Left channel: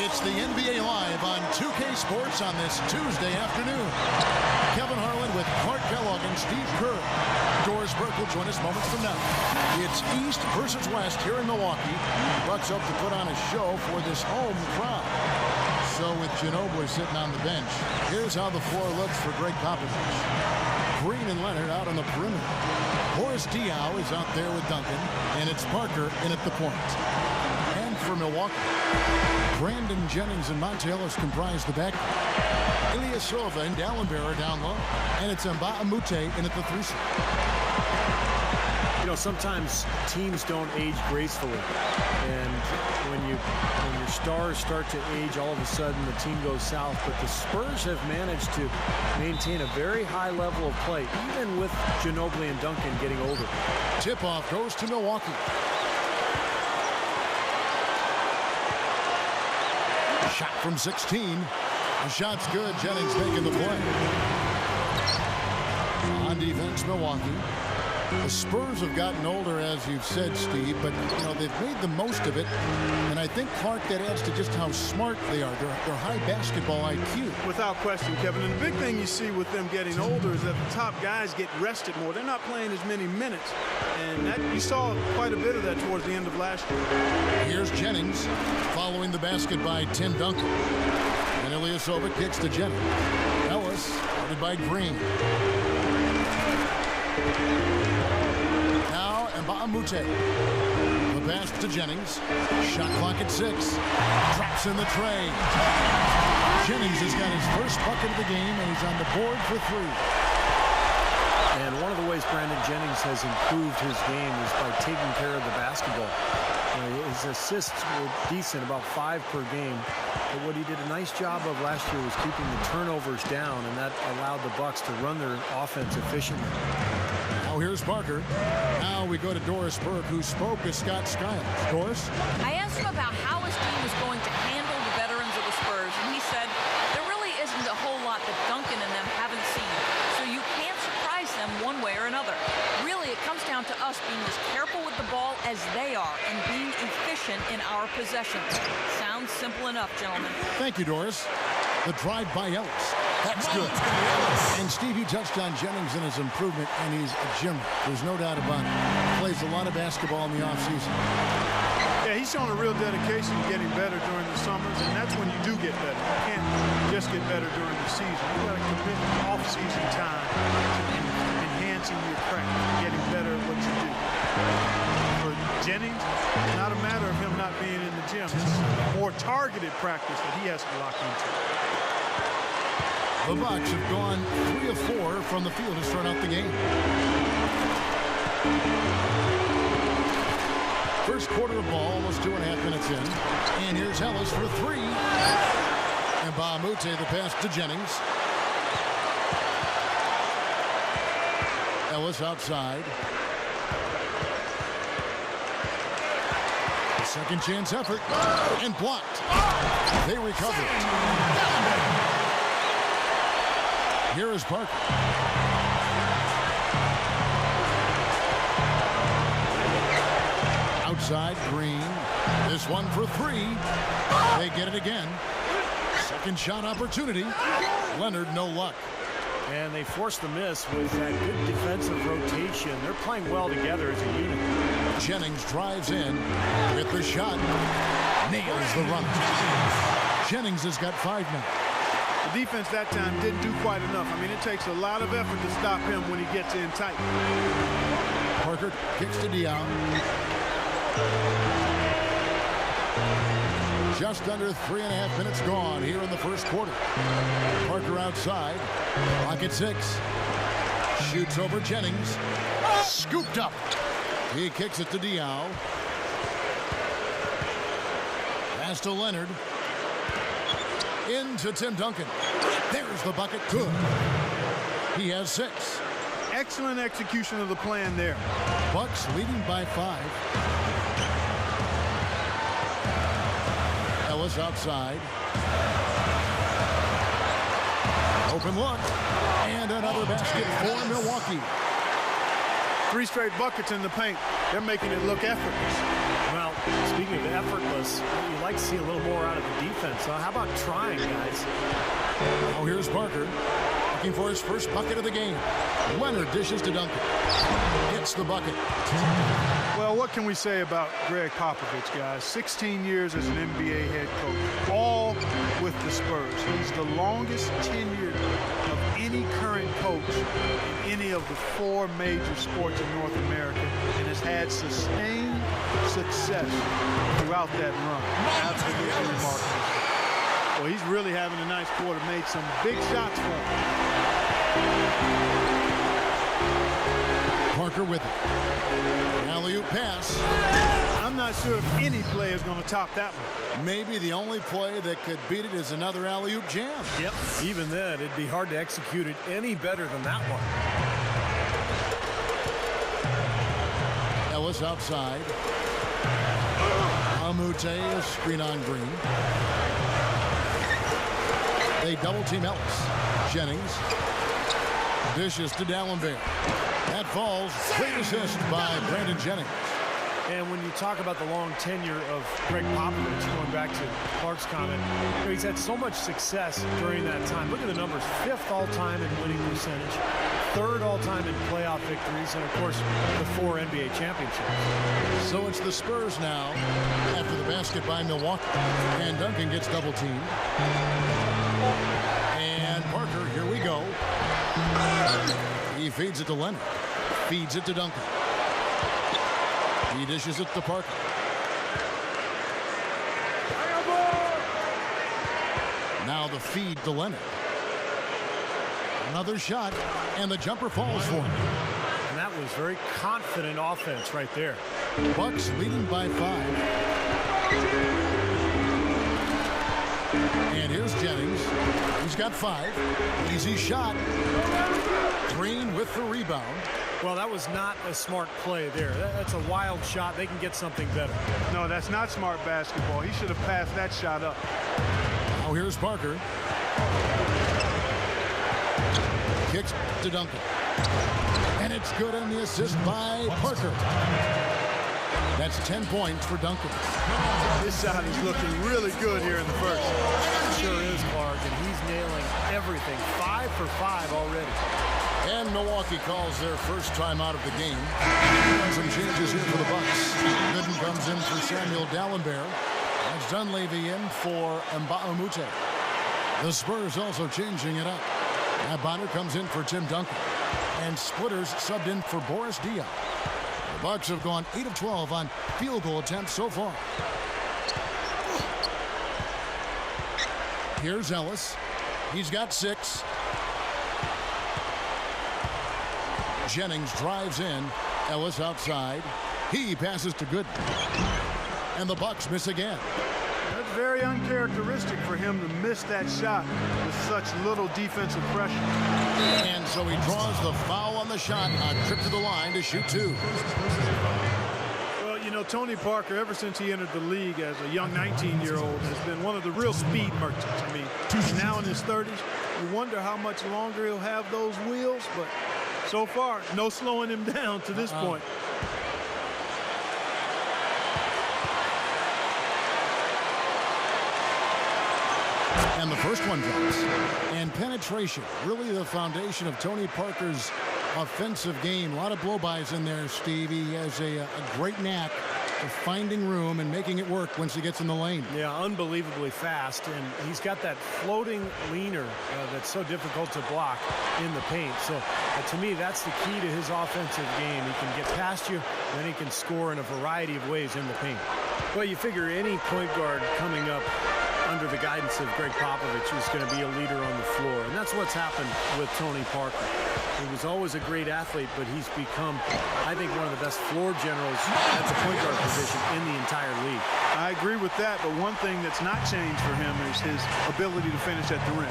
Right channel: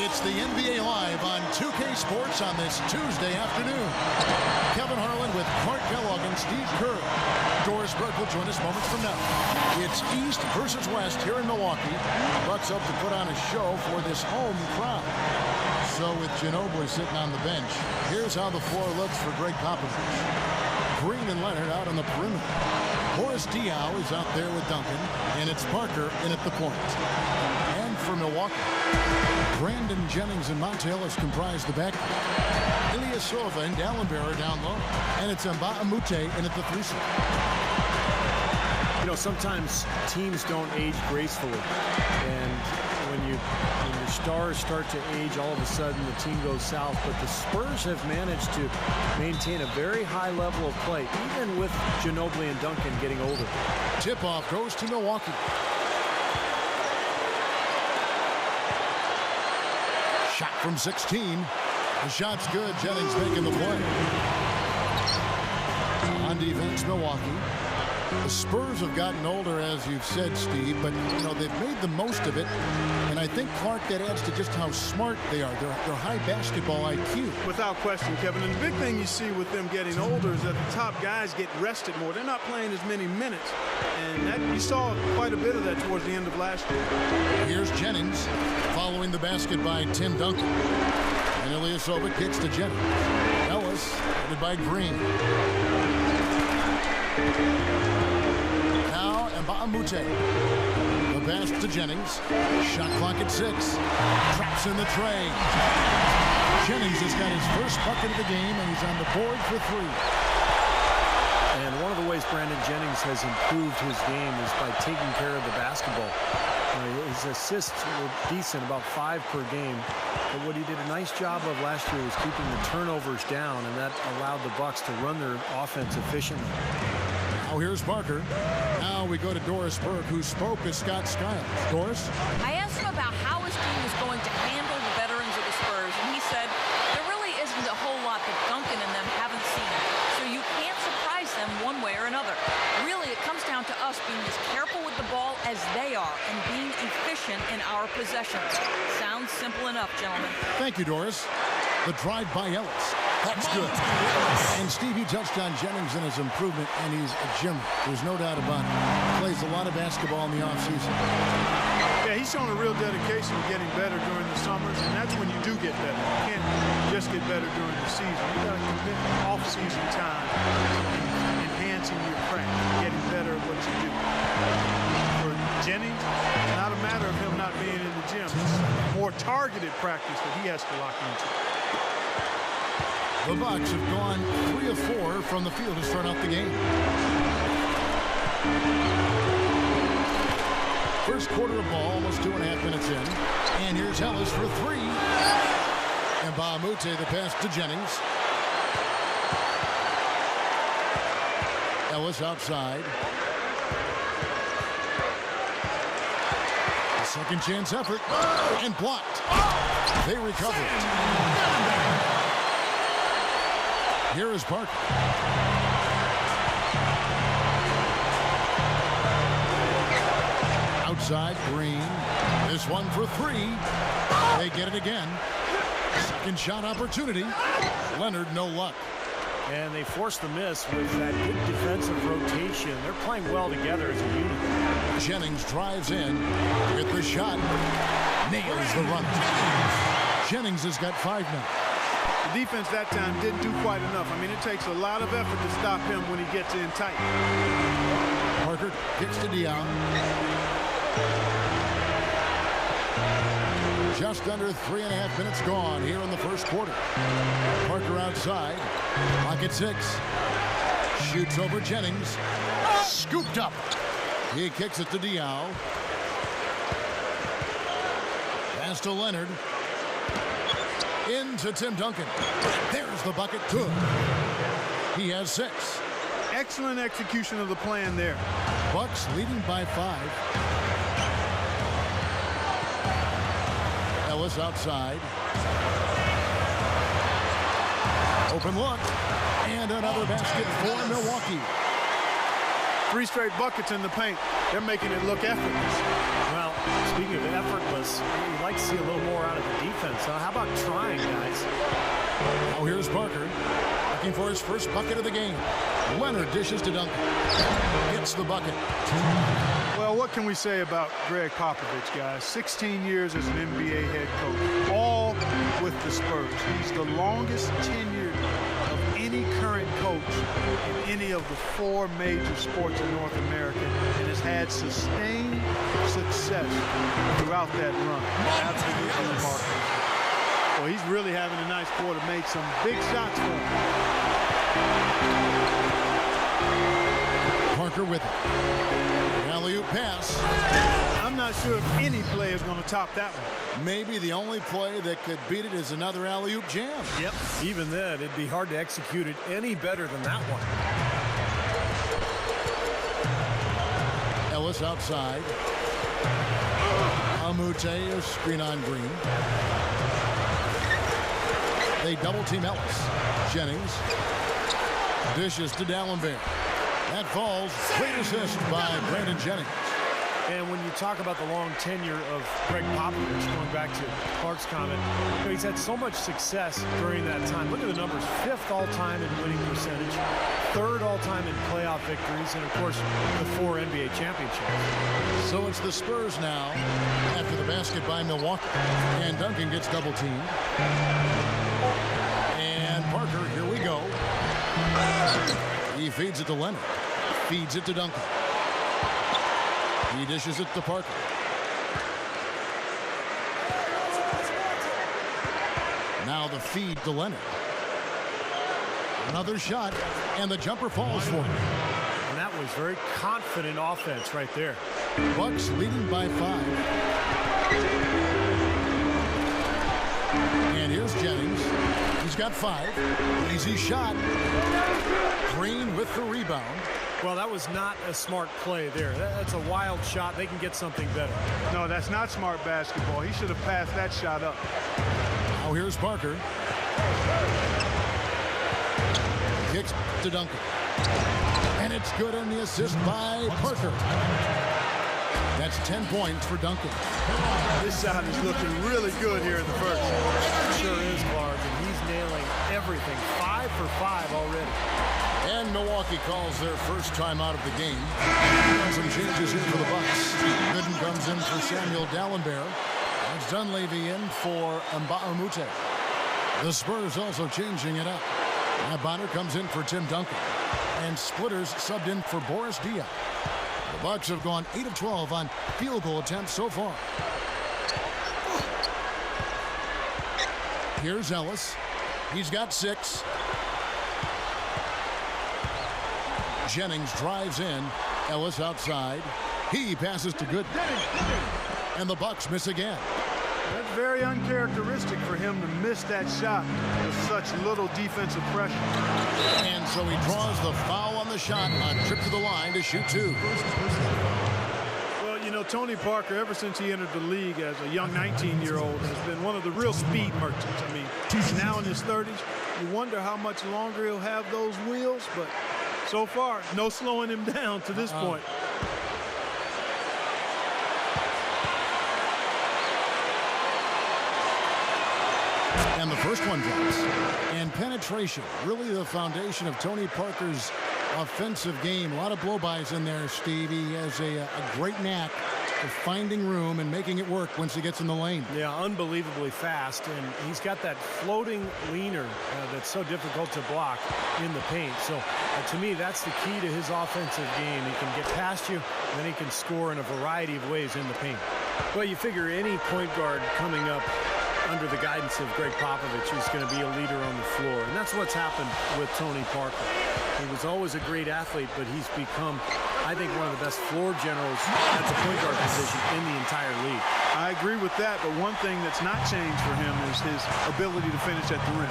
It's the NBA Live on 2K Sports on this Tuesday afternoon. Kevin Harlan with Clark Kellogg and Steve Kerr. Doris Burke will join us moments from now. It's East versus West here in Milwaukee. Bucks hope to put on a show for this home crowd. So with Ginobili sitting on the bench, here's how the floor looks for Greg Popovich. Green and Leonard out on the perimeter. Boris Diaw is out there with Duncan, and it's Parker in at the point. And for Milwaukee, Brandon Jennings and Monta Ellis comprise the backcourt. Ilyasova and Dallenberg down low. And it's Mbah a Moute in at the 3 slot. You know, sometimes teams don't age gracefully. And when your stars start to age, all of a sudden the team goes south. But the Spurs have managed to maintain a very high level of play, even with Ginobili and Duncan getting older. Tip-off goes to Milwaukee. Shot from 16. The shot's good. Jennings making the play. On defense, Milwaukee. The Spurs have gotten older, as you've said, Steve, but, you know, they've made the most of it. And I think, Clark, that adds to just how smart they are. They're high basketball IQ. Without question, Kevin. And the big thing you see with them getting older is that the top guys get rested more. They're not playing as many minutes. And that you saw quite a bit of that towards the end of last year. Here's Jennings following the basket by Tim Duncan. And Ilyasova kicks to Jennings. Ellis guarded by Green. Now Mbah a Moute. The pass to Jennings. Shot clock at 6. Drops in the tray. Jennings has got his first bucket of the game, and he's on the board for 3. And one of the ways Brandon Jennings has improved his game is by taking care of the basketball. His assists were decent, about 5 per game. But what he did a nice job of last year was keeping the turnovers down, and that allowed the Bucks to run their offense efficiently. Now here's Parker. Now we go to Doris Burke, who spoke with Scott Skiles. Doris? I asked him about how his team was going to handle the veterans of the Spurs, and he said there really isn't a whole lot that Duncan and them haven't seen, so you can't surprise them one way or another. Really, it comes down to us being as careful with the ball as they are and being efficient in our possessions. Sounds simple enough, gentlemen. Thank you, Doris. The drive by Ellis. That's good. And Steve, you touched on Jennings and his improvement, and he's a gym. There's no doubt about it. Plays a lot of basketball in the offseason. Yeah, he's shown a real dedication to getting better during the summers, and that's when you do get better. You can't just get better during the season. You got to commit off-season time to enhancing your craft, getting better at what you do. For Jennings, it's not a matter of him not being in the gym. It's more targeted practice that he has to lock into. The Bucks have gone 3 of 4 from the field to start out the game. First quarter of ball, almost 2.5 minutes in. And here's Ellis for 3. And Mbah a Moute, the pass to Jennings. Ellis outside. The second chance effort. And blocked. They recover it. Here is Parker. Outside, Green. This one for 3. They get it again. Second shot opportunity. Leonard, no luck. And they force the miss with that good defensive rotation. They're playing well together as a unit. Jennings drives in with the shot. Nails the runner. Jennings has got 5 now. The defense that time didn't do quite enough. I mean, it takes a lot of effort to stop him when he gets in tight. Parker kicks to Diaw. Just under 3.5 minutes gone here in the first quarter. Parker outside. Clock at 6. Shoots over Jennings. Scooped up. He kicks it to Diaw. Pass to Leonard. Into Tim Duncan. There's the bucket. Good. He has 6. Excellent execution of the plan there. Bucks leading by 5. Ellis outside. Open look. And another basket for Milwaukee. 3 straight buckets in the paint. They're making it look effortless. Well, speaking of effortless, you like to see a little more out of the defense. How about trying, guys? Now here's Parker looking for his first bucket of the game. Leonard dishes to Duncan. Gets the bucket. Well, what can we say about Greg Popovich, guys? 16 years as an NBA head coach, all with the Spurs. He's the longest tenured of any current coach in any of the 4 major sports in North America and has had sustained success throughout that run. Absolutely remarkable. Well, he's really having a nice quarter, made some big shots for him. Parker with it. The alley-oop pass. I'm not sure if any play is going to top that one. Maybe the only play that could beat it is another alley-oop jam. Yep. Even then, it'd be hard to execute it any better than that one. Ellis outside. Amute, a screen on Green. They double-team Ellis. Jennings dishes to Dallenberg. That falls. Great assist by Brandon Jennings. And when you talk about the long tenure of Greg Popovich, going back to Clark's comment, he's had so much success during that time. Look at the numbers: 5th all-time in winning percentage, 3rd all-time in playoff victories, and of course the 4 NBA championships. So it's the Spurs now after the basket by Milwaukee. And Duncan gets double-teamed. And Parker, here we go. He feeds it to Leonard. Feeds it to Duncan. He dishes it to Parker. Now the feed to Leonard. Another shot, and the jumper falls for him. And that was very confident offense right there. Bucks leading by 5. And here's Jennings. He's got 5. Easy shot. Green with the rebound. Well, that was not a smart play there. That's a wild shot. They can get something better. No, that's not smart basketball. He should have passed that shot up. Now here's Parker. Kicks to Duncan. And it's good on the assist by Parker. That's 10 points for Duncan. This shot is looking really good here in the first. It sure is, Clark, and he's nailing everything. 5 for 5 already. And Milwaukee calls their first time out of the game. Some changes here for the Bucks. Gooden comes in for Samuel Dallenberg. That's Dunleavy in for Mbah-a-Moute. The Spurs also changing it up. Matt Bonner comes in for Tim Duncan. And Splitters subbed in for Boris Diaw. The Bucks have gone 8 of 12 on field goal attempts so far. Here's Ellis. He's got 6. Jennings drives in. Ellis outside. He passes to Gooden. And the Bucks miss again. That's very uncharacteristic for him to miss that shot with such little defensive pressure. And so he draws the foul on the shot. A trip to the line to shoot 2. Well, you know, Tony Parker, ever since he entered the league as a young 19-year-old, has been one of the real speed merchants. I mean, now in his 30s, you wonder how much longer he'll have those wheels, but so far, no slowing him down to this point. And the first one drops. And penetration, really the foundation of Tony Parker's offensive game. A lot of blow-bys in there, Steve. He has a great knack for finding room and making it work once he gets in the lane. Yeah, unbelievably fast, and he's got that floating leaner that's so difficult to block in the paint. So to me, that's the key to his offensive game. He can get past you, and then he can score in a variety of ways in the paint. Well, you figure any point guard coming up under the guidance of Greg Popovich is going to be a leader on the floor, and that's what's happened with Tony Parker. He was always a great athlete, but he's become, I think, one of the best floor generals at the point guard position in the entire league. I agree with that, but one thing that's not changed for him is his ability to finish at the rim.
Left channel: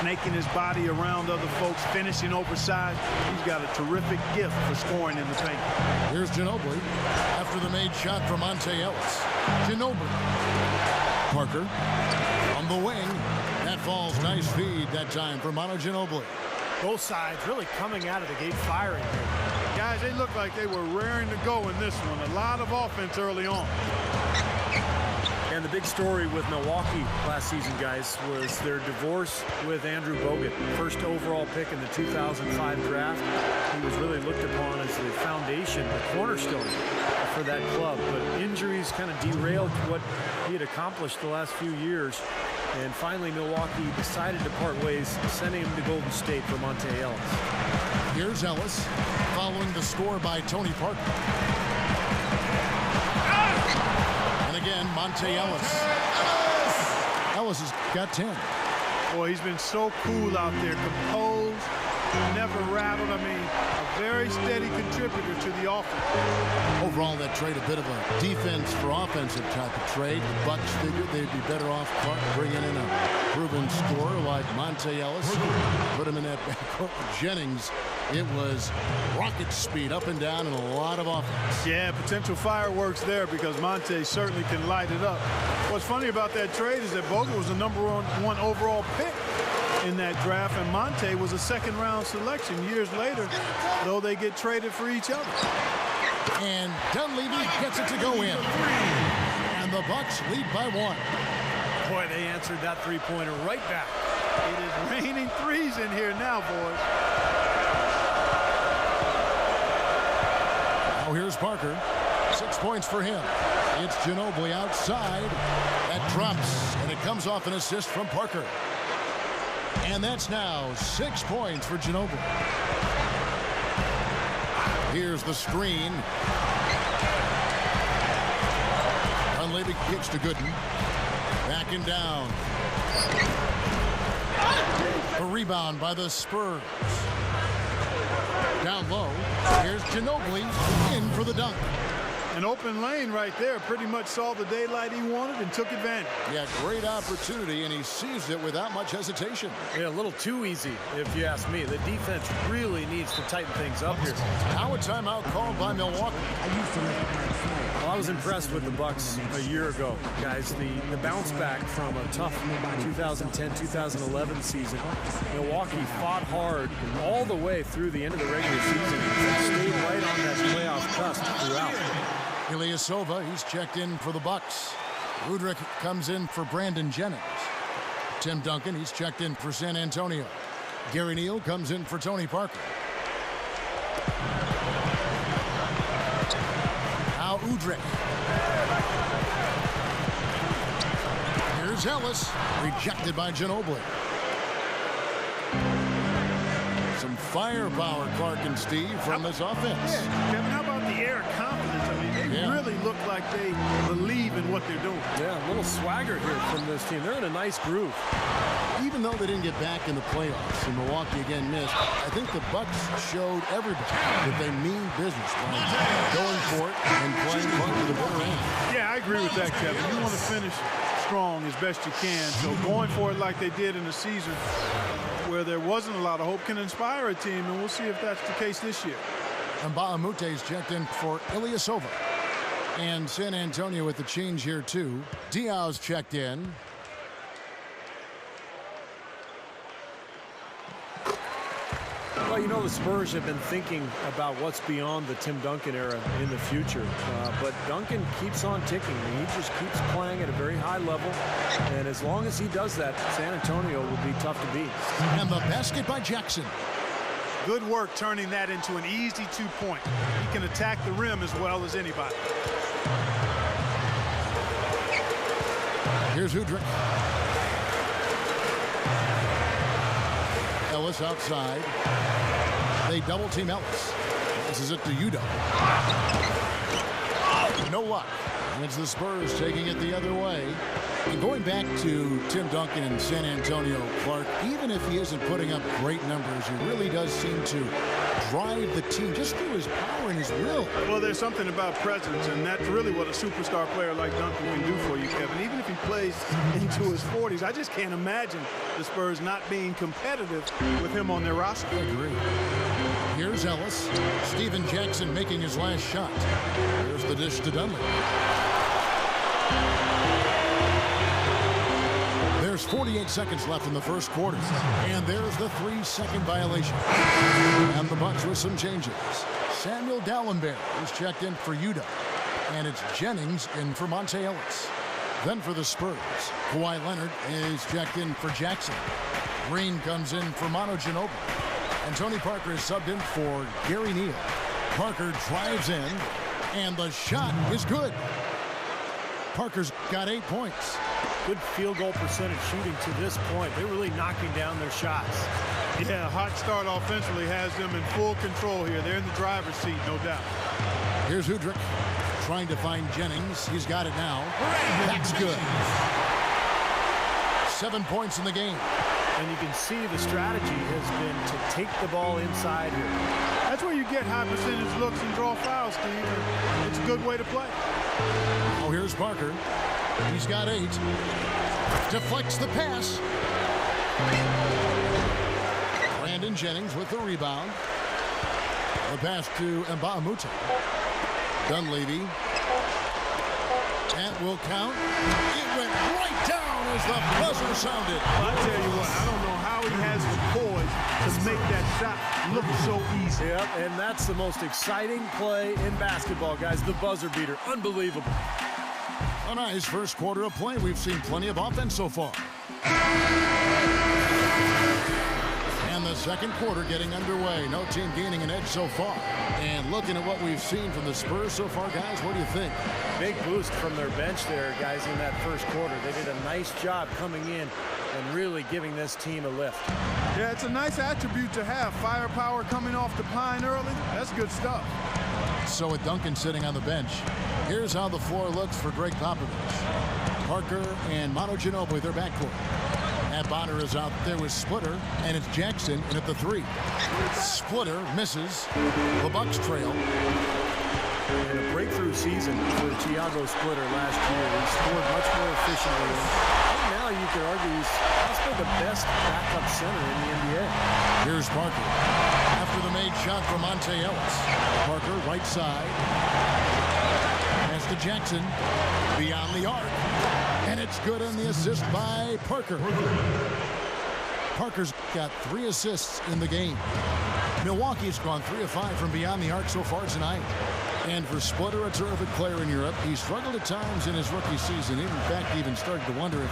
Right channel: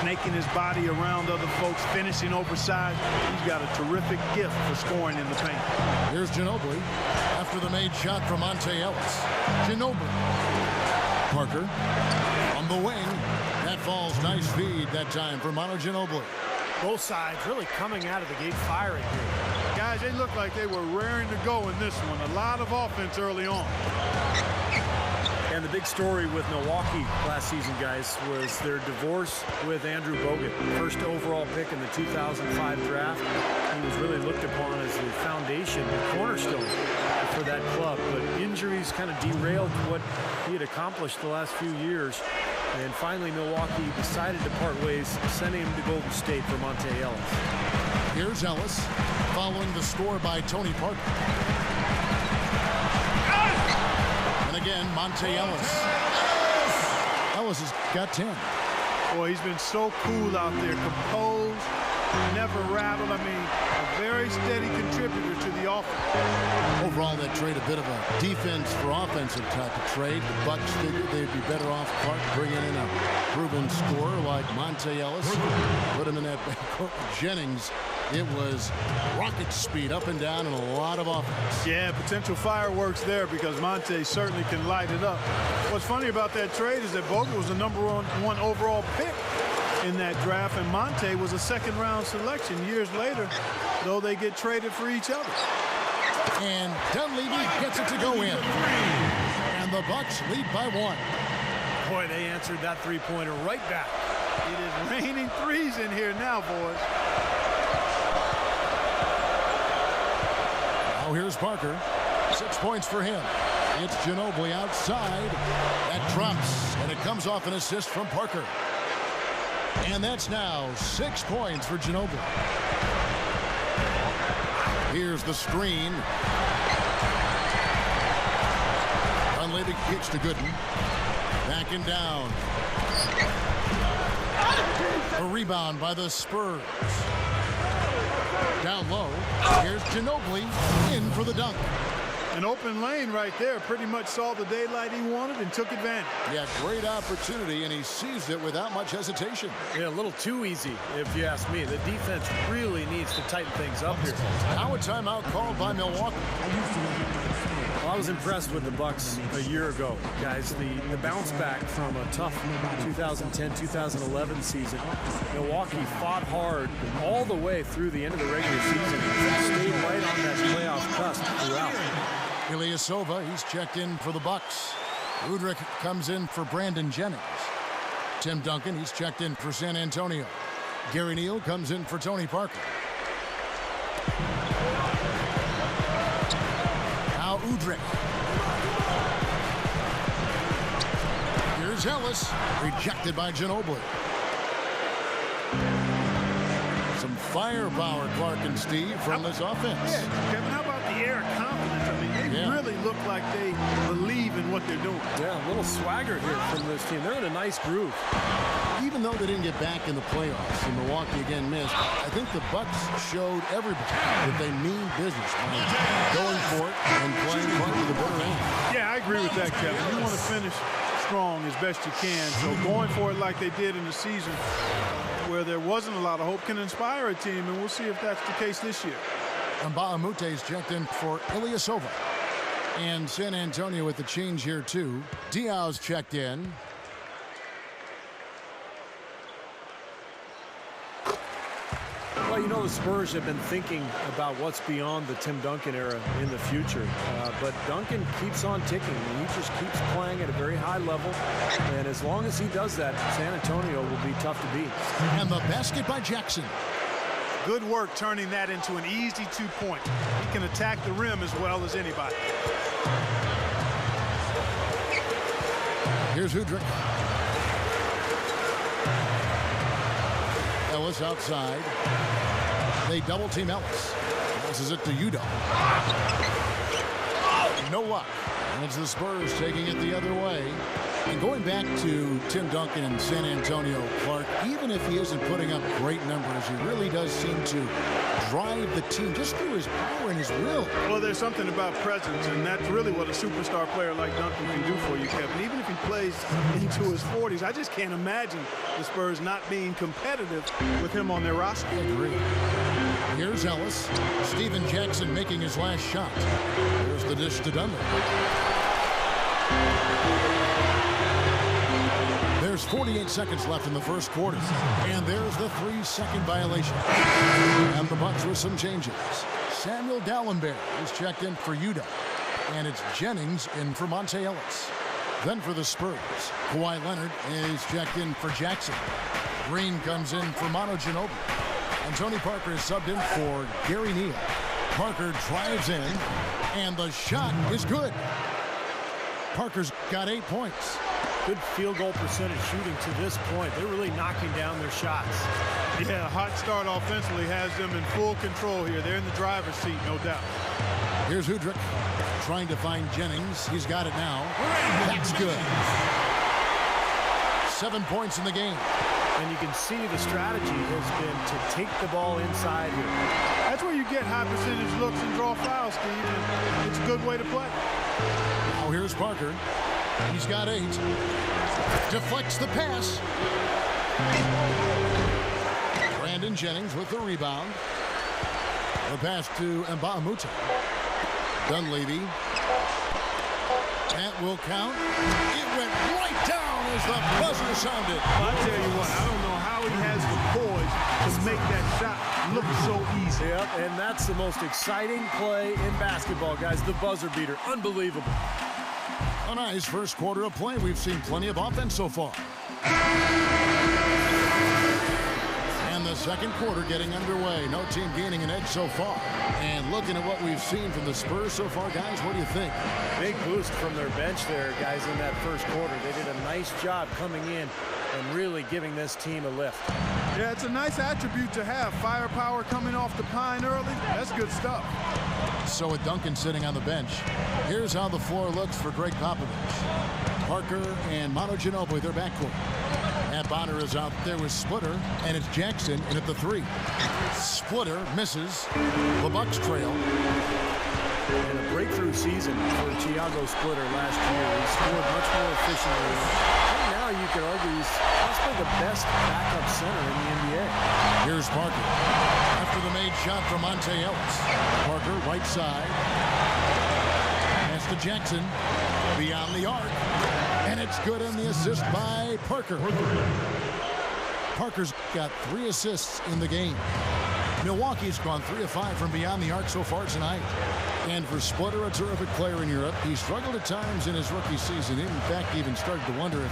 Snaking his body around other folks, finishing oversized. He's got a terrific gift for scoring in the paint. Here's Ginobili after the made shot from Monte Ellis. Ginobili. Parker on the wing. That falls. Nice feed that time for Manu Ginobili. Both sides really coming out of the gate firing here. Guys, they looked like they were raring to go in this one. A lot of offense early on. And the big story with Milwaukee last season, guys, was their divorce with Andrew Bogut. First overall pick in the 2005 draft. He was really looked upon as the foundation, the cornerstone for that club. But injuries kind of derailed what he had accomplished the last few years. And finally, Milwaukee decided to part ways, sending him to Golden State for Monte Ellis. Here's Ellis, following the score by Tony Parker. And again, Monte Ellis. Ellis has got 10. Boy, he's been so cool out there, composed, never rattled. I mean, a very steady contributor to the offense. Overall, that trade a bit of a defense for offensive type of trade. The Bucks figured they'd be better off Clark bringing in a proven scorer like Monte Ellis. Put him in that backcourt with Jennings. It was rocket speed up and down and a lot of offense. Yeah, potential fireworks there because Monte certainly can light it up. What's funny about that trade is that Bogut was the #1 overall pick in that draft, and Monte was a second-round selection years later, though they get traded for each other. And Dunleavy gets it to go in. And the Bucks lead by 1. Boy, they answered that three-pointer right back. It is raining threes in here now, boys. Now here's Parker. 6 points for him. It's Ginobili outside. That drops, and it comes off an assist from Parker. And that's now 6 points for Ginobili. Here's the screen. Dunleavy kicks to Gooden. Backing down. A rebound by the Spurs. Down low. Here's Ginobili in for the dunk. An open lane right there. Pretty much saw the daylight he wanted and took advantage. Yeah, great opportunity, and he seized it without much hesitation. Yeah, a little too easy, if you ask me. The defense really needs to tighten things up here. Now a timeout called by Milwaukee. Well, I was impressed with the Bucks a year ago, guys. The bounce back from a tough 2010-2011 season. Milwaukee fought hard all the way through the end of the regular season and stayed right on that playoff cusp throughout. Ilyasova, he's checked in for the Bucks. Udrih comes in for Brandon Jennings. Tim Duncan, he's checked in for San Antonio. Gary Neal comes in for Tony Parker. Now Udrih. Here's Ellis, rejected by Ginobili. Some firepower, Clark and Steve, from this offense. Yeah, Kevin, how about the air of confidence? I mean, they really look like they believe in what they're doing. Yeah, a little swagger here from this team. They're in a nice groove. Even though they didn't get back in the playoffs and Milwaukee again missed, I think the Bucks showed everybody that they mean business by going for it and playing Clark to the bitter end. Yeah, I agree with that, Kevin. You want to finish strong as best you can, so going for it like they did in the season where there wasn't a lot of hope can inspire a team, and we'll see if that's the case this year. And Baamute's checked in for Ilyasova. And San Antonio with the change here, too. Diaw's checked in. Well, you know, the Spurs have been thinking about what's beyond the Tim Duncan era in the future. But Duncan keeps on ticking. I mean, he just keeps playing at a very high level. And as long as he does that, San Antonio will be tough to beat. And the basket by Jackson. Good work turning that into an easy 2-point. He can attack the rim as well as anybody. Here's Udrih. Ellis outside. They double team Ellis. Passes it to Udo. No luck. And it's the Spurs taking it the other way. And going back to Tim Duncan in San Antonio, Clark, even if he isn't putting up great numbers, he really does seem to drive the team just through his power and his will. Well, there's something about presence, and that's really what a superstar player like Duncan can do for you, Kevin. Even if he plays into his 40s, I just can't imagine the Spurs not being competitive with him on their roster. I agree. Here's Ellis. Steven Jackson making his last shot. There's the dish to Dunleavy. There's 48 seconds left in the first quarter. And there's the 3-second violation. And the Bucks with some changes. Samuel Dallenberg is checked in for Yuta. And it's Jennings in for Monte Ellis. Then for the Spurs, Kawhi Leonard is checked in for Jackson. Green comes in for Manu Ginobili. And Tony Parker is subbed in for Gary Neal. Parker drives in, and the shot is good. Parker's got 8 points. Good field goal percentage shooting to this point. They're really knocking down their shots. Yeah, a hot start offensively has them in full control here. They're in the driver's seat, no doubt. Here's Udrih trying to find Jennings. He's got it now. That's good. 7 points in the game. And you can see the strategy has been to take the ball inside here. That's where you get high percentage looks and draw fouls, Steve, and it's a good way to play. Now here's Parker. He's got 8. Deflects the pass. Brandon Jennings with the rebound. The pass to Mbah a Moute. Dunleavy. That will count. It went right down as the buzzer sounded. Well, I tell you what, I don't know how he has the poise to make that shot look so easy. Yep, and that's the most exciting play in basketball, guys. The buzzer beater. Unbelievable. A nice first quarter of play. We've seen plenty of offense so far. And the second quarter getting underway. No team gaining an edge so far. And looking at what we've seen from the Spurs so far, guys, what do you think? Big boost from their bench there, guys, in that first quarter. They did a nice job coming in and really giving this team a lift. Yeah, it's a nice attribute to have. Firepower coming off the pine early. That's good stuff. So with Duncan sitting on the bench, here's how the floor looks for Greg Popovich. Parker and Manu Ginobili, their backcourt. Matt Bonner is out there with Splitter, and it's Jackson in at the 3. Splitter misses. The Bucks trail. And a breakthrough season for Thiago Splitter last year. He scored much more efficiently. And now you could argue he's possibly the best backup center in the NBA. Here's Parker. After the made shot from Monte Ellis. Parker, right side. Pass to Jackson. Beyond the arc. And it's good on the assist by Parker. Parker's got 3 assists in the game. Milwaukee's gone 3 of 5 from beyond the arc so far tonight. And for Splitter, a terrific player in Europe. He struggled at times in his rookie season. In fact, even started to wonder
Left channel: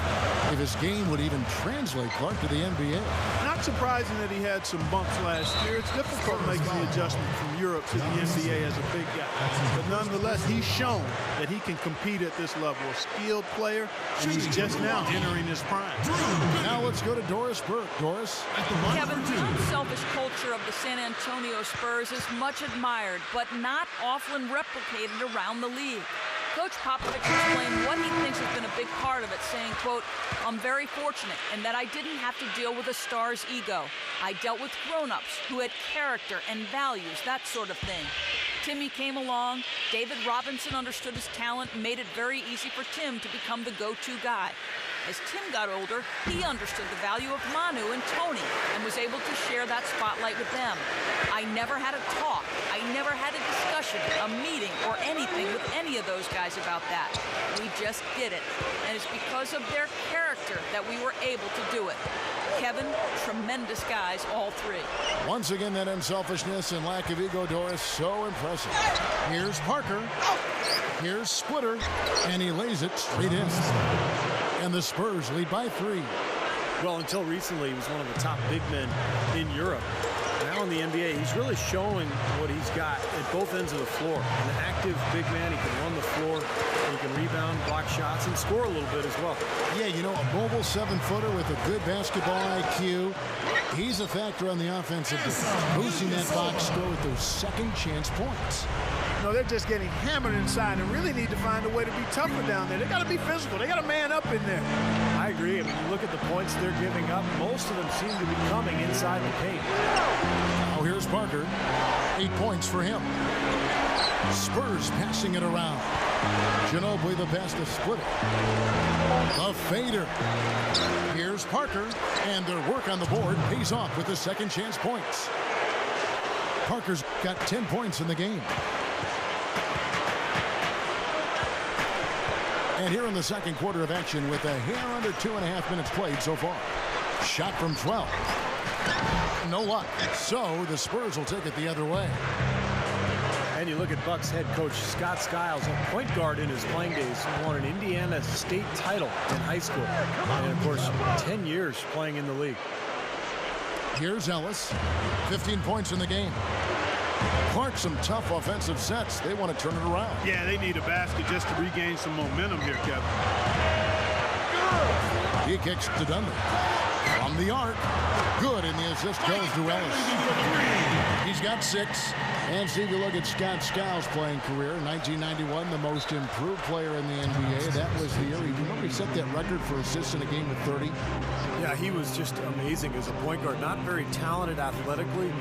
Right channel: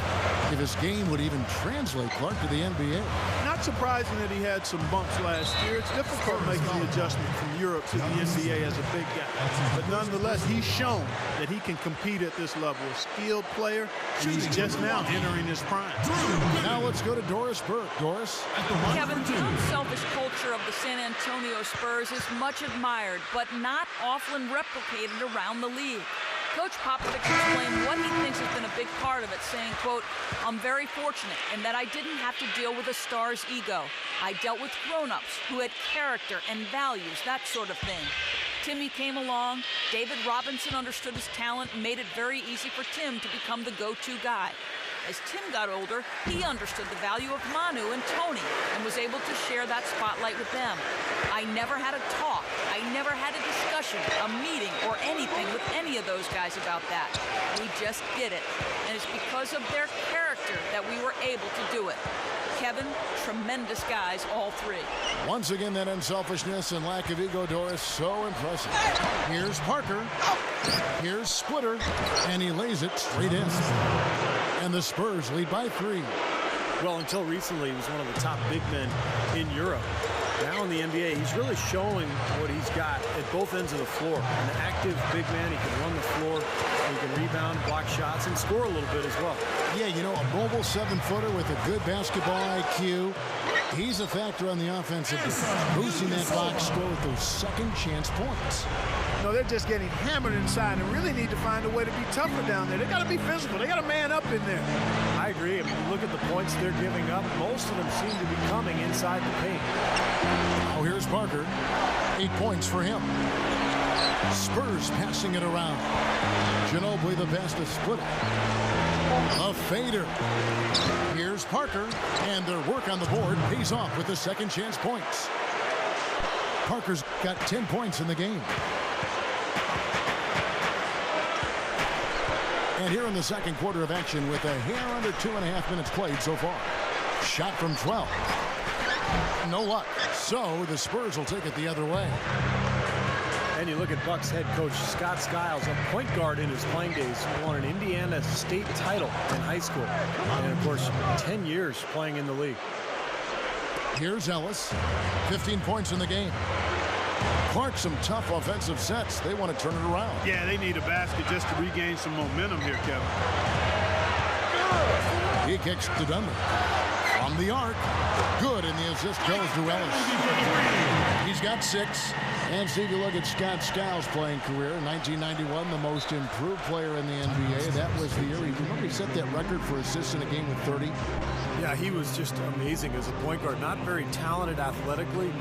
if his game would even translate, Clark, to the NBA. Not surprising that he had some bumps last year. It's difficult making the adjustment from Europe to the NBA as a big guy. But nonetheless, he's shown that he can compete at this level. A skilled player, and he's just now entering his prime. Now let's go to Doris Burke. Doris? Kevin, the unselfish culture of the San Antonio Spurs is much admired, but not often replicated around the league. Coach Popovich explained what he thinks has been a big part of it, saying, quote, "I'm very fortunate in that I didn't have to deal with a star's ego. I dealt with grown-ups who had character and values, that sort of thing. Timmy came along. David Robinson understood his talent and made it very easy for Tim to become the go-to guy. As Tim got older, he understood the value of Manu and Tony and was able to share that spotlight with them. I never had a talk. I never had a discussion, a meeting, or anything with any of those guys about that. We just did it. And it's because of their character that we were able to do it." Kevin, tremendous guys, all 3. Once again, that unselfishness and lack of ego, Doris, so impressive. Here's Parker. Here's Splitter. And he lays it straight in. And the Spurs lead by 3. Well, until recently, he was one of the top big men in Europe. Now in the NBA, he's really showing what he's got at both ends of the floor. An active big man. He can run the floor. He can rebound, block shots, and score a little bit as well. Yeah, you know, a mobile 7-footer with a good basketball IQ. He's a factor on the offensive end, boosting that box score with those second chance points. No, they're just getting hammered inside and really need to find a way to be tougher down there. They got to be physical. They got to man up in there. I agree. I mean, you look at the points they're giving up. Most of them seem to be coming inside the paint. Now here's Parker. 8 points for him. Spurs passing it around. Ginobili the pass to Splitter. A fader. Here's Parker. And their work on the board pays off with the second chance points. Parker's got 10 points in the game. And here in the second quarter of action with a hair under 2.5 minutes played so far. Shot from 12. No luck. So the Spurs will take it the other way. And you look at Bucks head coach Scott Skiles, a point guard in his playing days, who won an Indiana State title in high school. And, of course, 10 years playing in the league. Here's Ellis. 15 points in the game. Clark, some tough offensive sets. They want to turn it around. Yeah, they need a basket just to regain some momentum here, Kevin. He kicks to Dunley. From the arc. Good, and the assist goes to Ellis. He's got 6. And Steve, you look at Scott Skiles' playing career. 1991, the most improved player in the NBA. That was the year. Remember he set that record for assists in a game with 30? Yeah, he was just amazing as a point guard. Not very talented athletically,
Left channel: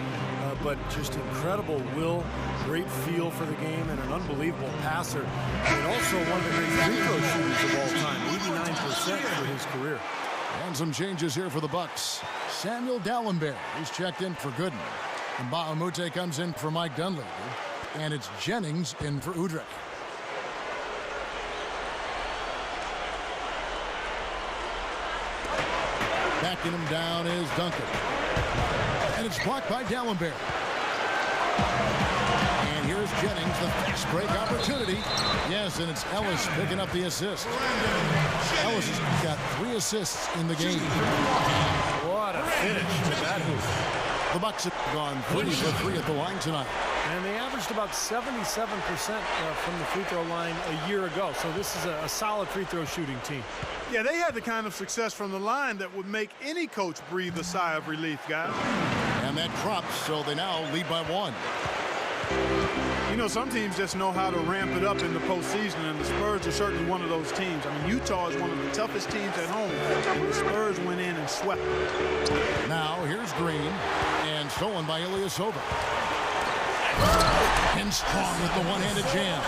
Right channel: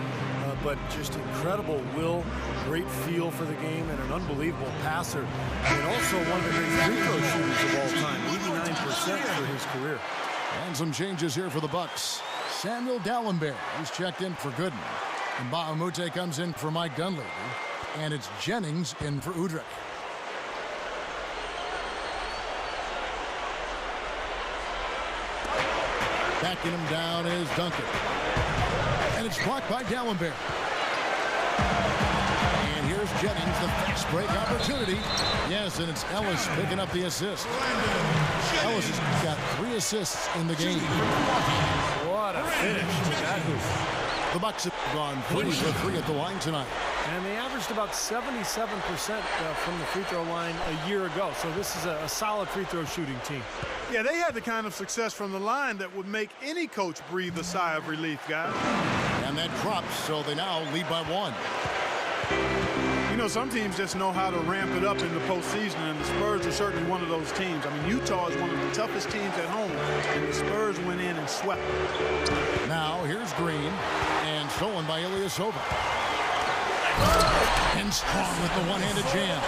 but just incredible will, great feel for the game, and an unbelievable passer. And also one of the great free throw shooters of all time, 89% for his career. And some changes here for the Bucks. Samuel Dalembert, who's checked in for Gooden. And Bahamute comes in for Mike Dunleavy. And it's Jennings in for Udrih. Backing him down is Duncan. And it's blocked by Dalembert. And here's Jennings, the fast break opportunity. Yes, and it's Ellis picking up the assist. Ellis has got 3 assists in the game. What a finish with that hoop. The Bucks have gone 3 for 3 at the line tonight. And they averaged about 77% from the free throw line a year ago. So this is a solid free throw shooting team. Yeah, they had the kind of success from the line that would make any coach breathe a sigh of relief, guys. And that drops, so they now lead by 1. You know, some teams just know how to ramp it up in the postseason, and the Spurs are certainly one of those teams. I mean, Utah is one of the toughest teams at home, and the Spurs went in and swept them. Now, here's Green, and stolen by Ilyasova. And Strong with the one-handed jam.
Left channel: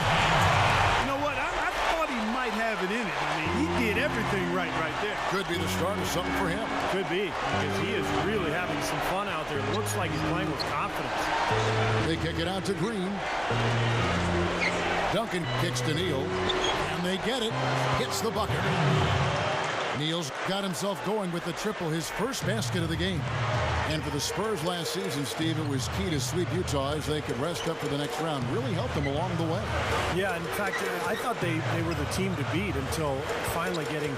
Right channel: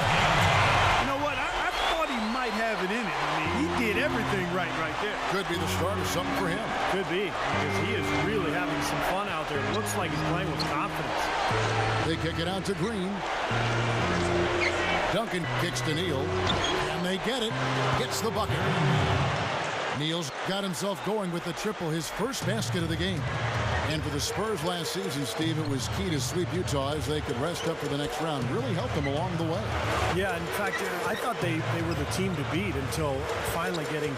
You know what? I thought he might have it in him. I mean, he did everything right there. Could be the start of something for him. Could be, because he is really having some fun out there. It looks like he's playing with confidence. They kick it out to Green. Duncan kicks to Neal. And they get it. Gets the bucket. Neal's got himself going with the triple, his first basket of the game. And for the Spurs last season, Steve, it was key to sweep Utah as they could rest up for the next round. Really helped them along the way. Yeah, in fact, I thought they were the team to beat until finally getting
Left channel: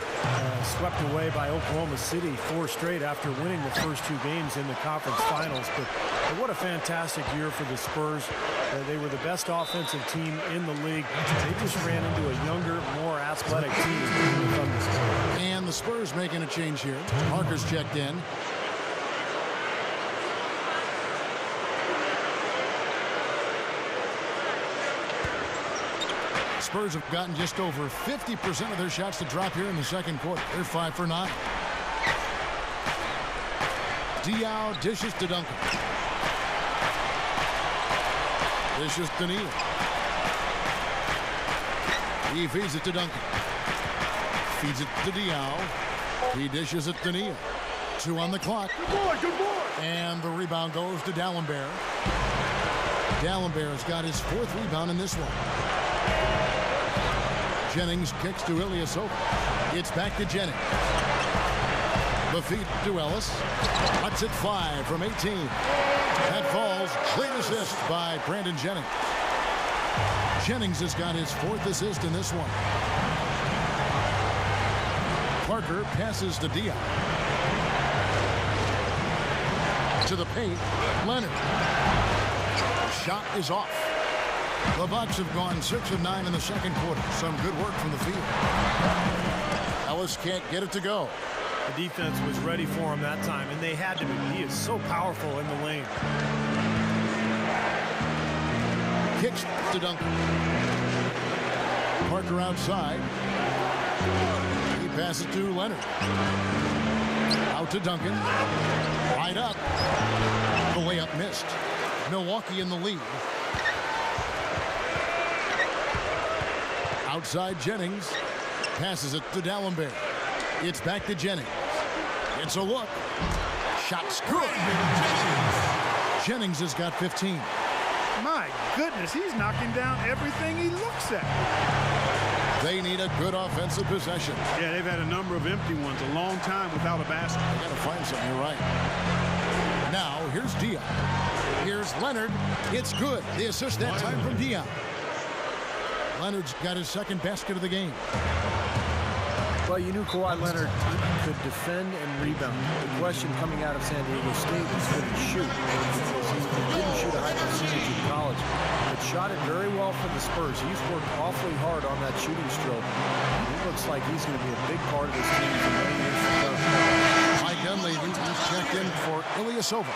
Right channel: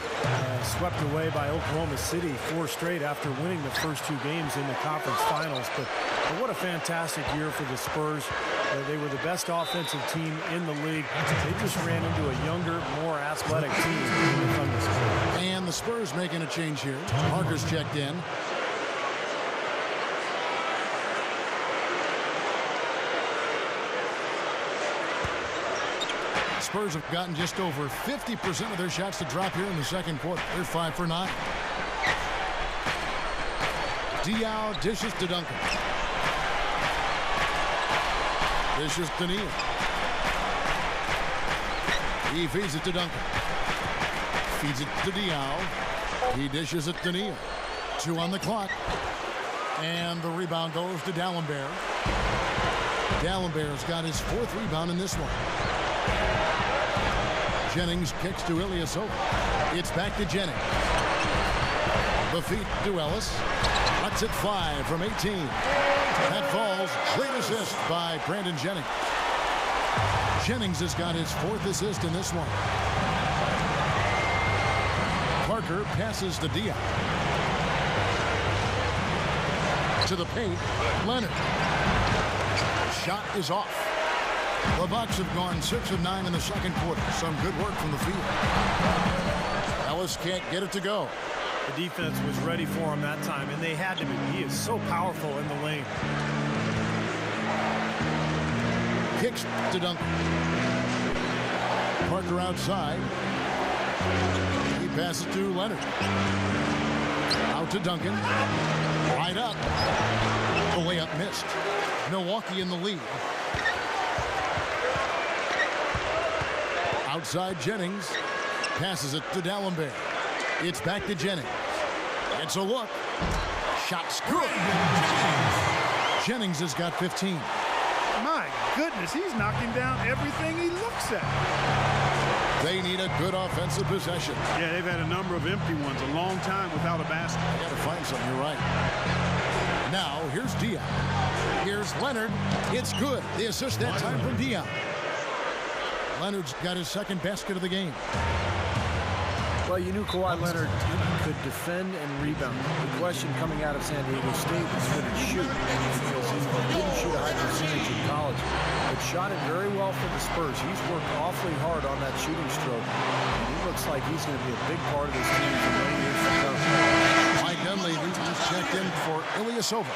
swept away by Oklahoma City 4 straight after winning the first 2 games in the conference finals. But what a fantastic year for the Spurs. They were the best offensive team in the league. They just ran into a younger, more athletic team in the Thunder. And the Spurs making a change here. Parker's checked in. Spurs have gotten just over 50% of their shots to drop here in the second quarter. They're 5 for 9. Diaw dishes to Duncan. Dishes to Neal. He feeds it to Duncan. Feeds it to Diaw. He dishes it to Neal. 2 on the clock. And the rebound goes to Dalembert. Dalembert's got his 4th rebound in this one. Jennings kicks to Ilyasova. It's back to Jennings. The feed to Ellis. Lets it fly from 18. That falls. Great assist by Brandon Jennings. Jennings has got his 4th assist in this one. Parker passes to Diaw. To the paint. Leonard. The shot is off. The Bucks have gone 6 of 9 in the second quarter. Some good work from the field. Ellis can't get it to go. The defense was ready for him that time, and they had to be. He is so powerful in the lane. Kicks to Duncan. Parker outside. He passes to Leonard. Out to Duncan. Right up. The layup missed. Milwaukee in the lead. Outside Jennings. Passes it to Dalembert. It's back to Jennings. It's a look. Shot's good. Jennings has got 15. My goodness, he's knocking down everything he looks at. They need a good offensive possession. Yeah, they've had a number of empty ones, a long time without a basket. I got to find something. You're right. Now, here's Dion. Here's Leonard. It's good. The assist that time from Dion. Leonard's got his second basket of the game. Well, you knew Kawhi Leonard could defend and rebound. The question coming out of San Diego State was could he shoot, because he didn't shoot a high percentage in college, but shot it very well for the Spurs. He's worked awfully hard on that shooting stroke, and he looks like he's going to be a big part of this team for many years to come. Mike Dunleavy just checked in for Ilyasova.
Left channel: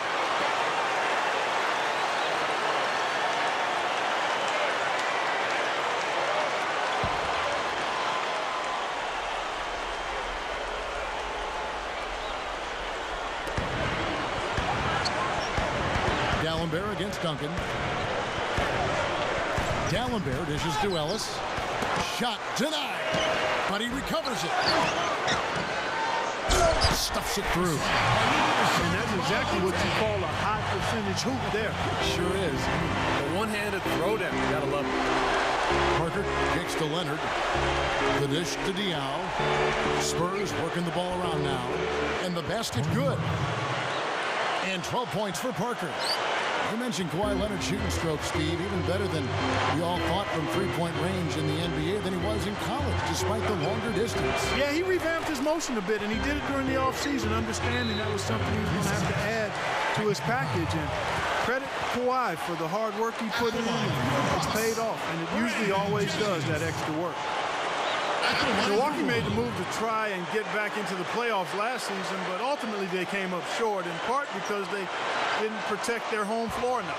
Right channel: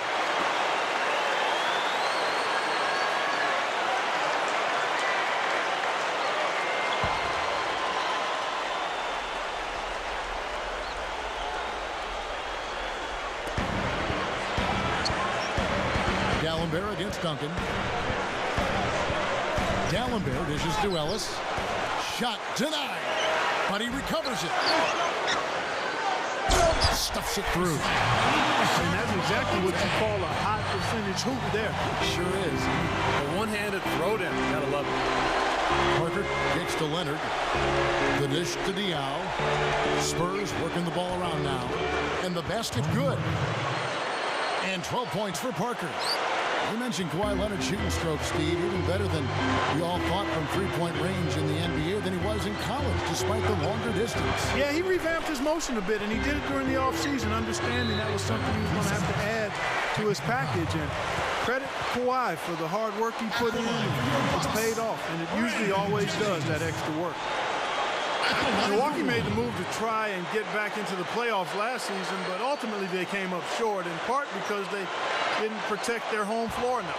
Dalembert against Duncan. Dalembert dishes to Ellis. Shot denied, but he recovers it. Stuffs it through. And that's exactly what you call a high percentage hoop there. Sure is. The one-handed throwdown, you gotta love it. Parker kicks to Leonard. The dish to Diaw. Spurs working the ball around now. And the basket good. And 12 points for Parker. You mentioned Kawhi Leonard's shooting stroke, Steve, even better than we all thought from three-point range in the NBA than he was in college, despite the longer distance. Yeah, he revamped his motion a bit, and he did it during the offseason, understanding that was something he was going to have to add to his package. And credit Kawhi for the hard work he put in. It's paid off, and it usually always does, that extra work. Milwaukee made the move to try and get back into the playoffs last season, but ultimately they came up short, in part because they didn't protect their home floor enough.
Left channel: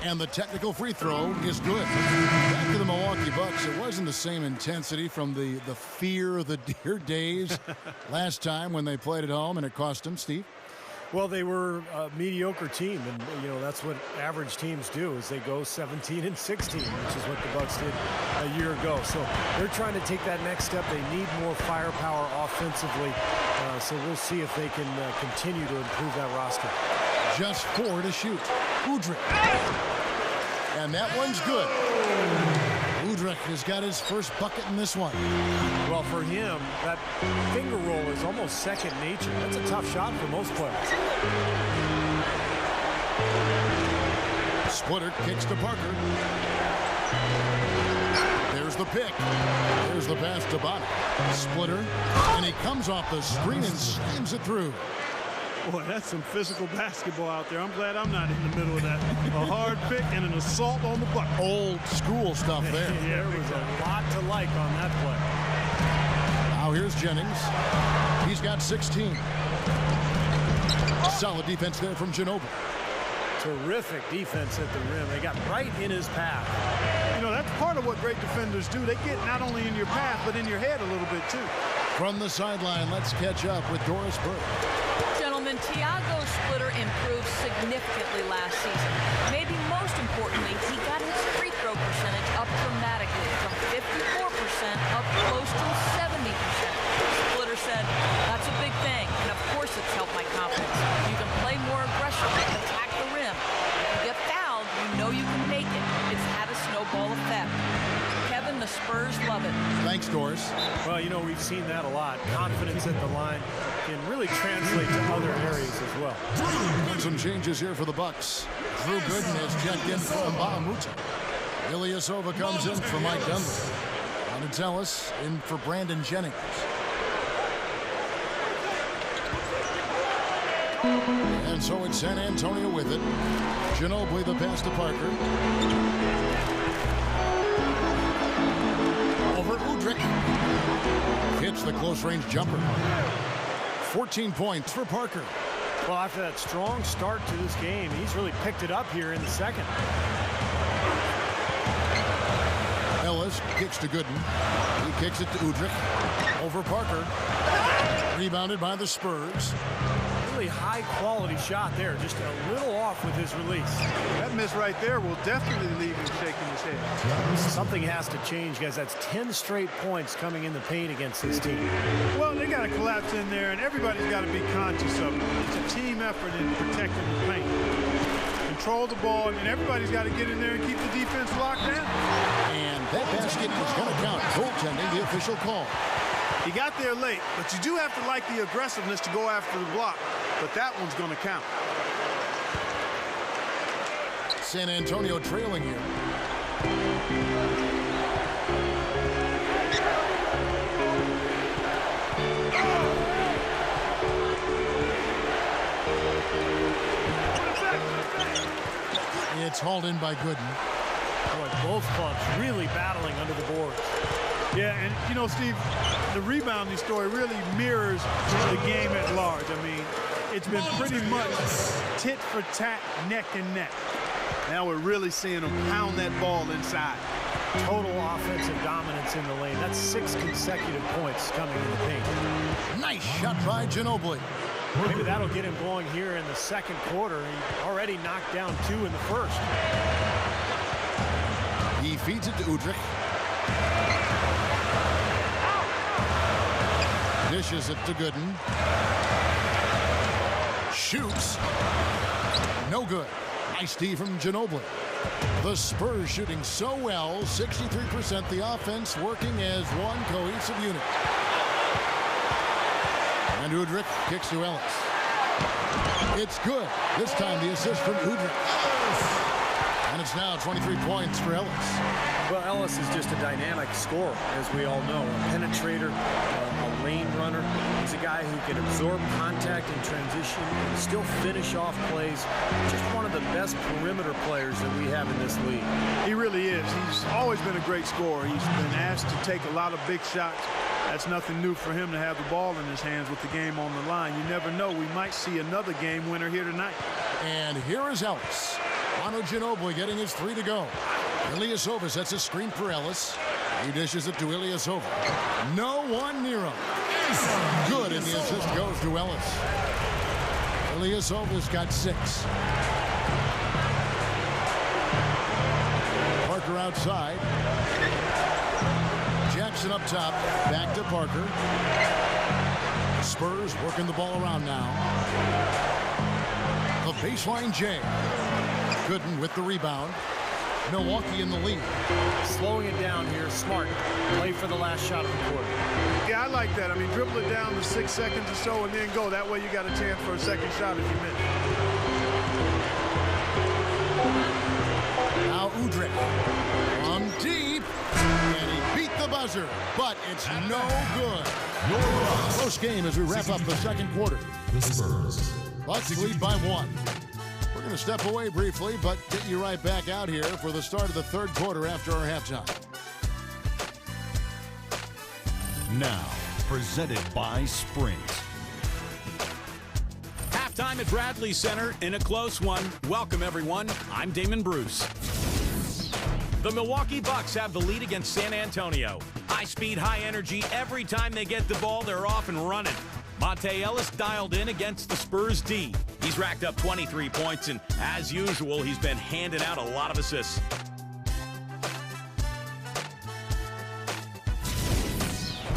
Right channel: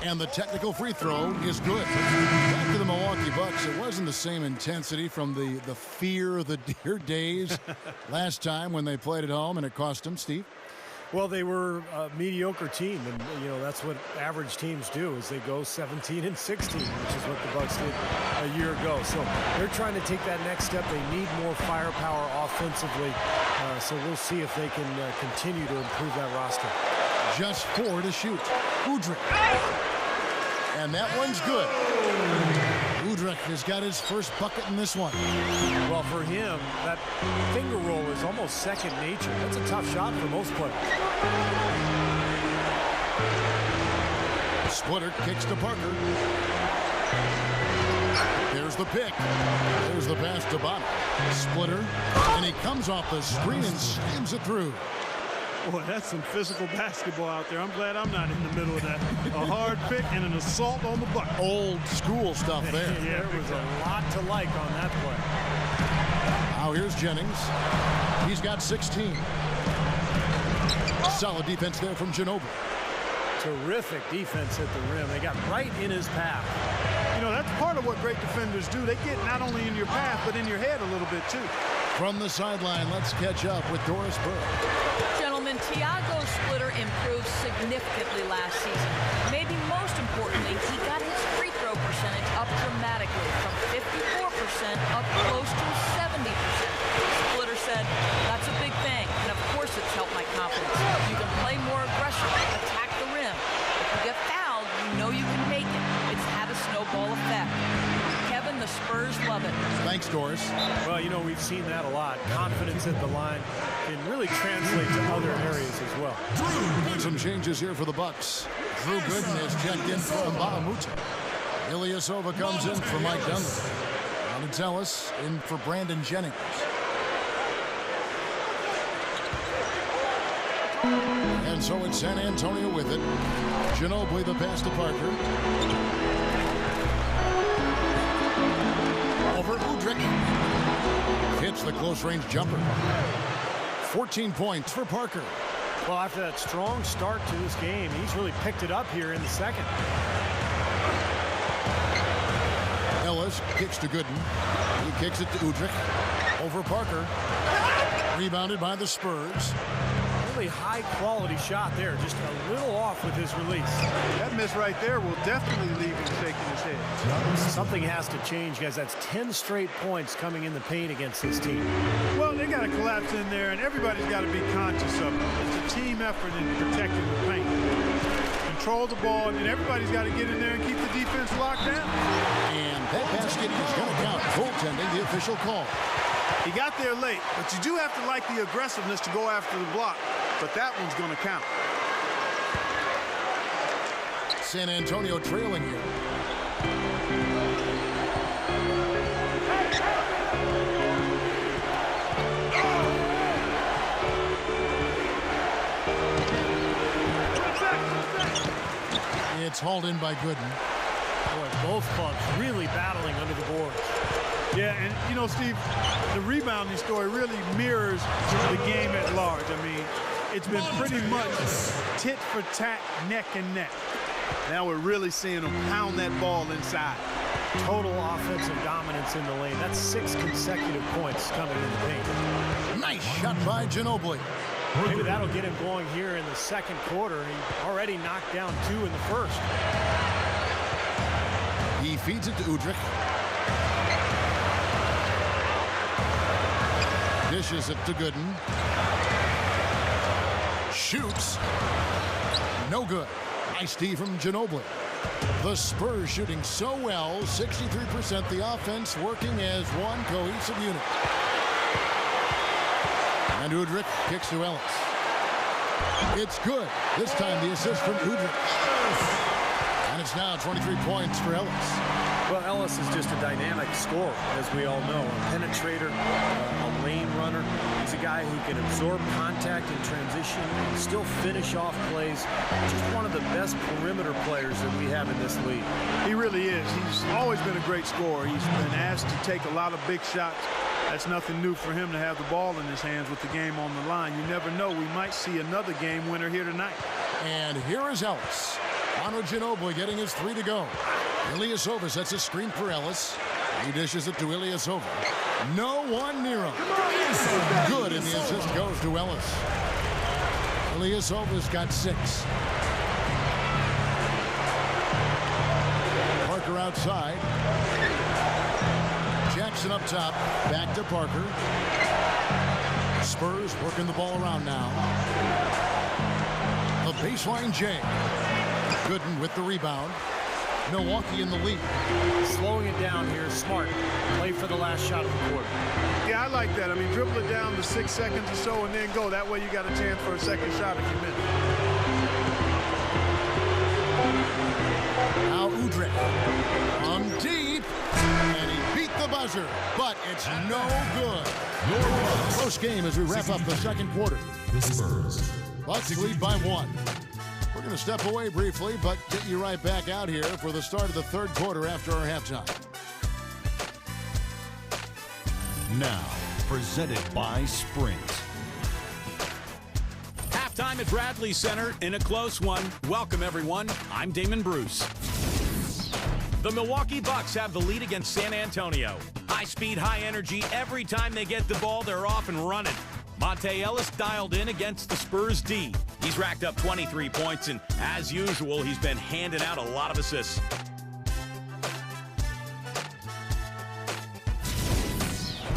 And the technical free throw is good. Back to the Milwaukee Bucks. It wasn't the same intensity from the fear of the dear days last time when they played at home, and it cost them, Steve. Well, they were a mediocre team, and you know that's what average teams do, is they go 17-16, which is what the Bucks did a year ago. So they're trying to take that next step. They need more firepower offensively, so we'll see if they can continue to improve that roster. Just 4 to shoot. Udrih. And that one's good. Udrih has got his first bucket in this one. Well, for him, that finger roll is almost second nature. That's a tough shot for most players. Splitter kicks to Parker. There's the pick. There's the pass to Bonner. Splitter, and he comes off the screen and slams it through. Boy, that's some physical basketball out there. I'm glad I'm not in the middle of that. A hard pick and an assault on the bucket. Old school stuff there. Yeah, there was a lot to like on that play. Now here's Jennings. He's got 16. Solid defense there from Ginobili. Terrific defense at the rim. They got right in his path. You know, that's part of what great defenders do. They get not only in your path, but in your head a little bit, too. From the sideline, let's catch up with Doris Burke. Gentlemen, Tiago Splitter improved significantly last season. Maybe most importantly, he got his free throw percentage up dramatically from 54% up close to 70%. Splitter said, "That's a big thing, and of course it's helped my confidence. You can play more aggressively, attack the rim. If you get fouled, you know you can make it. It's had a snowball effect." Kevin, the Spurs love it. Thanks, Doris. Well, you know, we've seen that a lot. Confidence at the line can really translate to other areas as well. Some changes here for the Bucks. Drew Gooden has checked in for Mbah a Moute. Ilyasova comes in for Mike Dunleavy. And it's Ellis in for Brandon Jennings. And so it's San Antonio with it. Ginobili the pass to Parker. Over Udrih. Hits the close-range jumper. 14 points for Parker. Well, after that strong start to this game, he's really picked it up here in the second. Ellis kicks to Gooden. He kicks it to Udrih. Over Parker. Rebounded by the Spurs. Really high-quality shot there, just a little off with his release. That miss right there will definitely leave him shaking his head. Something has to change, guys. That's 10 straight points coming in the paint against this team. Well, they got to collapse in there, and everybody's got to be conscious of it. It's a team effort in protecting the paint. control the ball, and then everybody's got to get in there and keep the defense locked down. And that basket is going to count. Goaltending, the official call. He got there late, but you do have to like the aggressiveness to go after the block. But that one's going to count. San Antonio trailing here. It's hauled in by Gooden. Boy, both clubs really battling under the boards. Yeah, and you know, Steve, the rebounding story really mirrors the game at large. I mean, it's been pretty much tit for tat, neck and neck. Now we're really seeing them pound that ball inside. Total offensive dominance in the lane. That's 6 consecutive points coming in the paint. Nice shot by Ginobili. Maybe that'll get him going here in the second quarter. He already knocked down 2 in the first. He feeds it to Udrih. Dishes it to Gooden. Shoots. No good. Nice D from Ginobili. The Spurs shooting so well, 63%. The offense working as one cohesive unit. And Udrih kicks to Ellis. It's good. This time the assist from Udrih. And it's now 23 points for Ellis. Well, Ellis is just a dynamic scorer, as we all know. A penetrator, a lane runner. He's a guy who can absorb contact in transition and still finish off plays. Just one of the best perimeter players that we have in this league. He really is. He's always been a great scorer. He's been asked to take a lot of big shots. That's nothing new for him to have the ball in his hands with the game on the line. You never know. We might see another game winner here tonight. And here is Ellis. Manu Ginobili getting his 3 to go. Ilyasova sets a screen for Ellis. He dishes it to Ilyasova. No one near him. Good, and the assist goes to Ellis. Ilyasova's got 6. Parker outside. Jackson up top. Back to Parker. Spurs working the ball around now. The baseline J. Gooden with the rebound. Milwaukee in the lead. Slowing it down here, smart. Play for the last shot of the quarter. Yeah, I like that. I mean, dribble it down to 6 seconds or so and then go. That way you got a chance for a second shot if you miss. Now Udrih from deep. And he beat the buzzer, but it's no good. Your Bucks. Close game as we wrap up the second quarter. The Spurs. Bucks lead by 1. We're going to step away briefly, but get you right back out here for the start of the third quarter after our halftime. Now, presented by Sprint. Halftime at Bradley Center in a close one. Welcome, everyone. I'm Damon Bruce. The Milwaukee Bucks have the lead against San Antonio. High speed, high energy. Every time they get the ball, they're off and running. Monte Ellis dialed in against the Spurs D. He's racked up 23 points, and as usual, he's been handing out a lot of assists.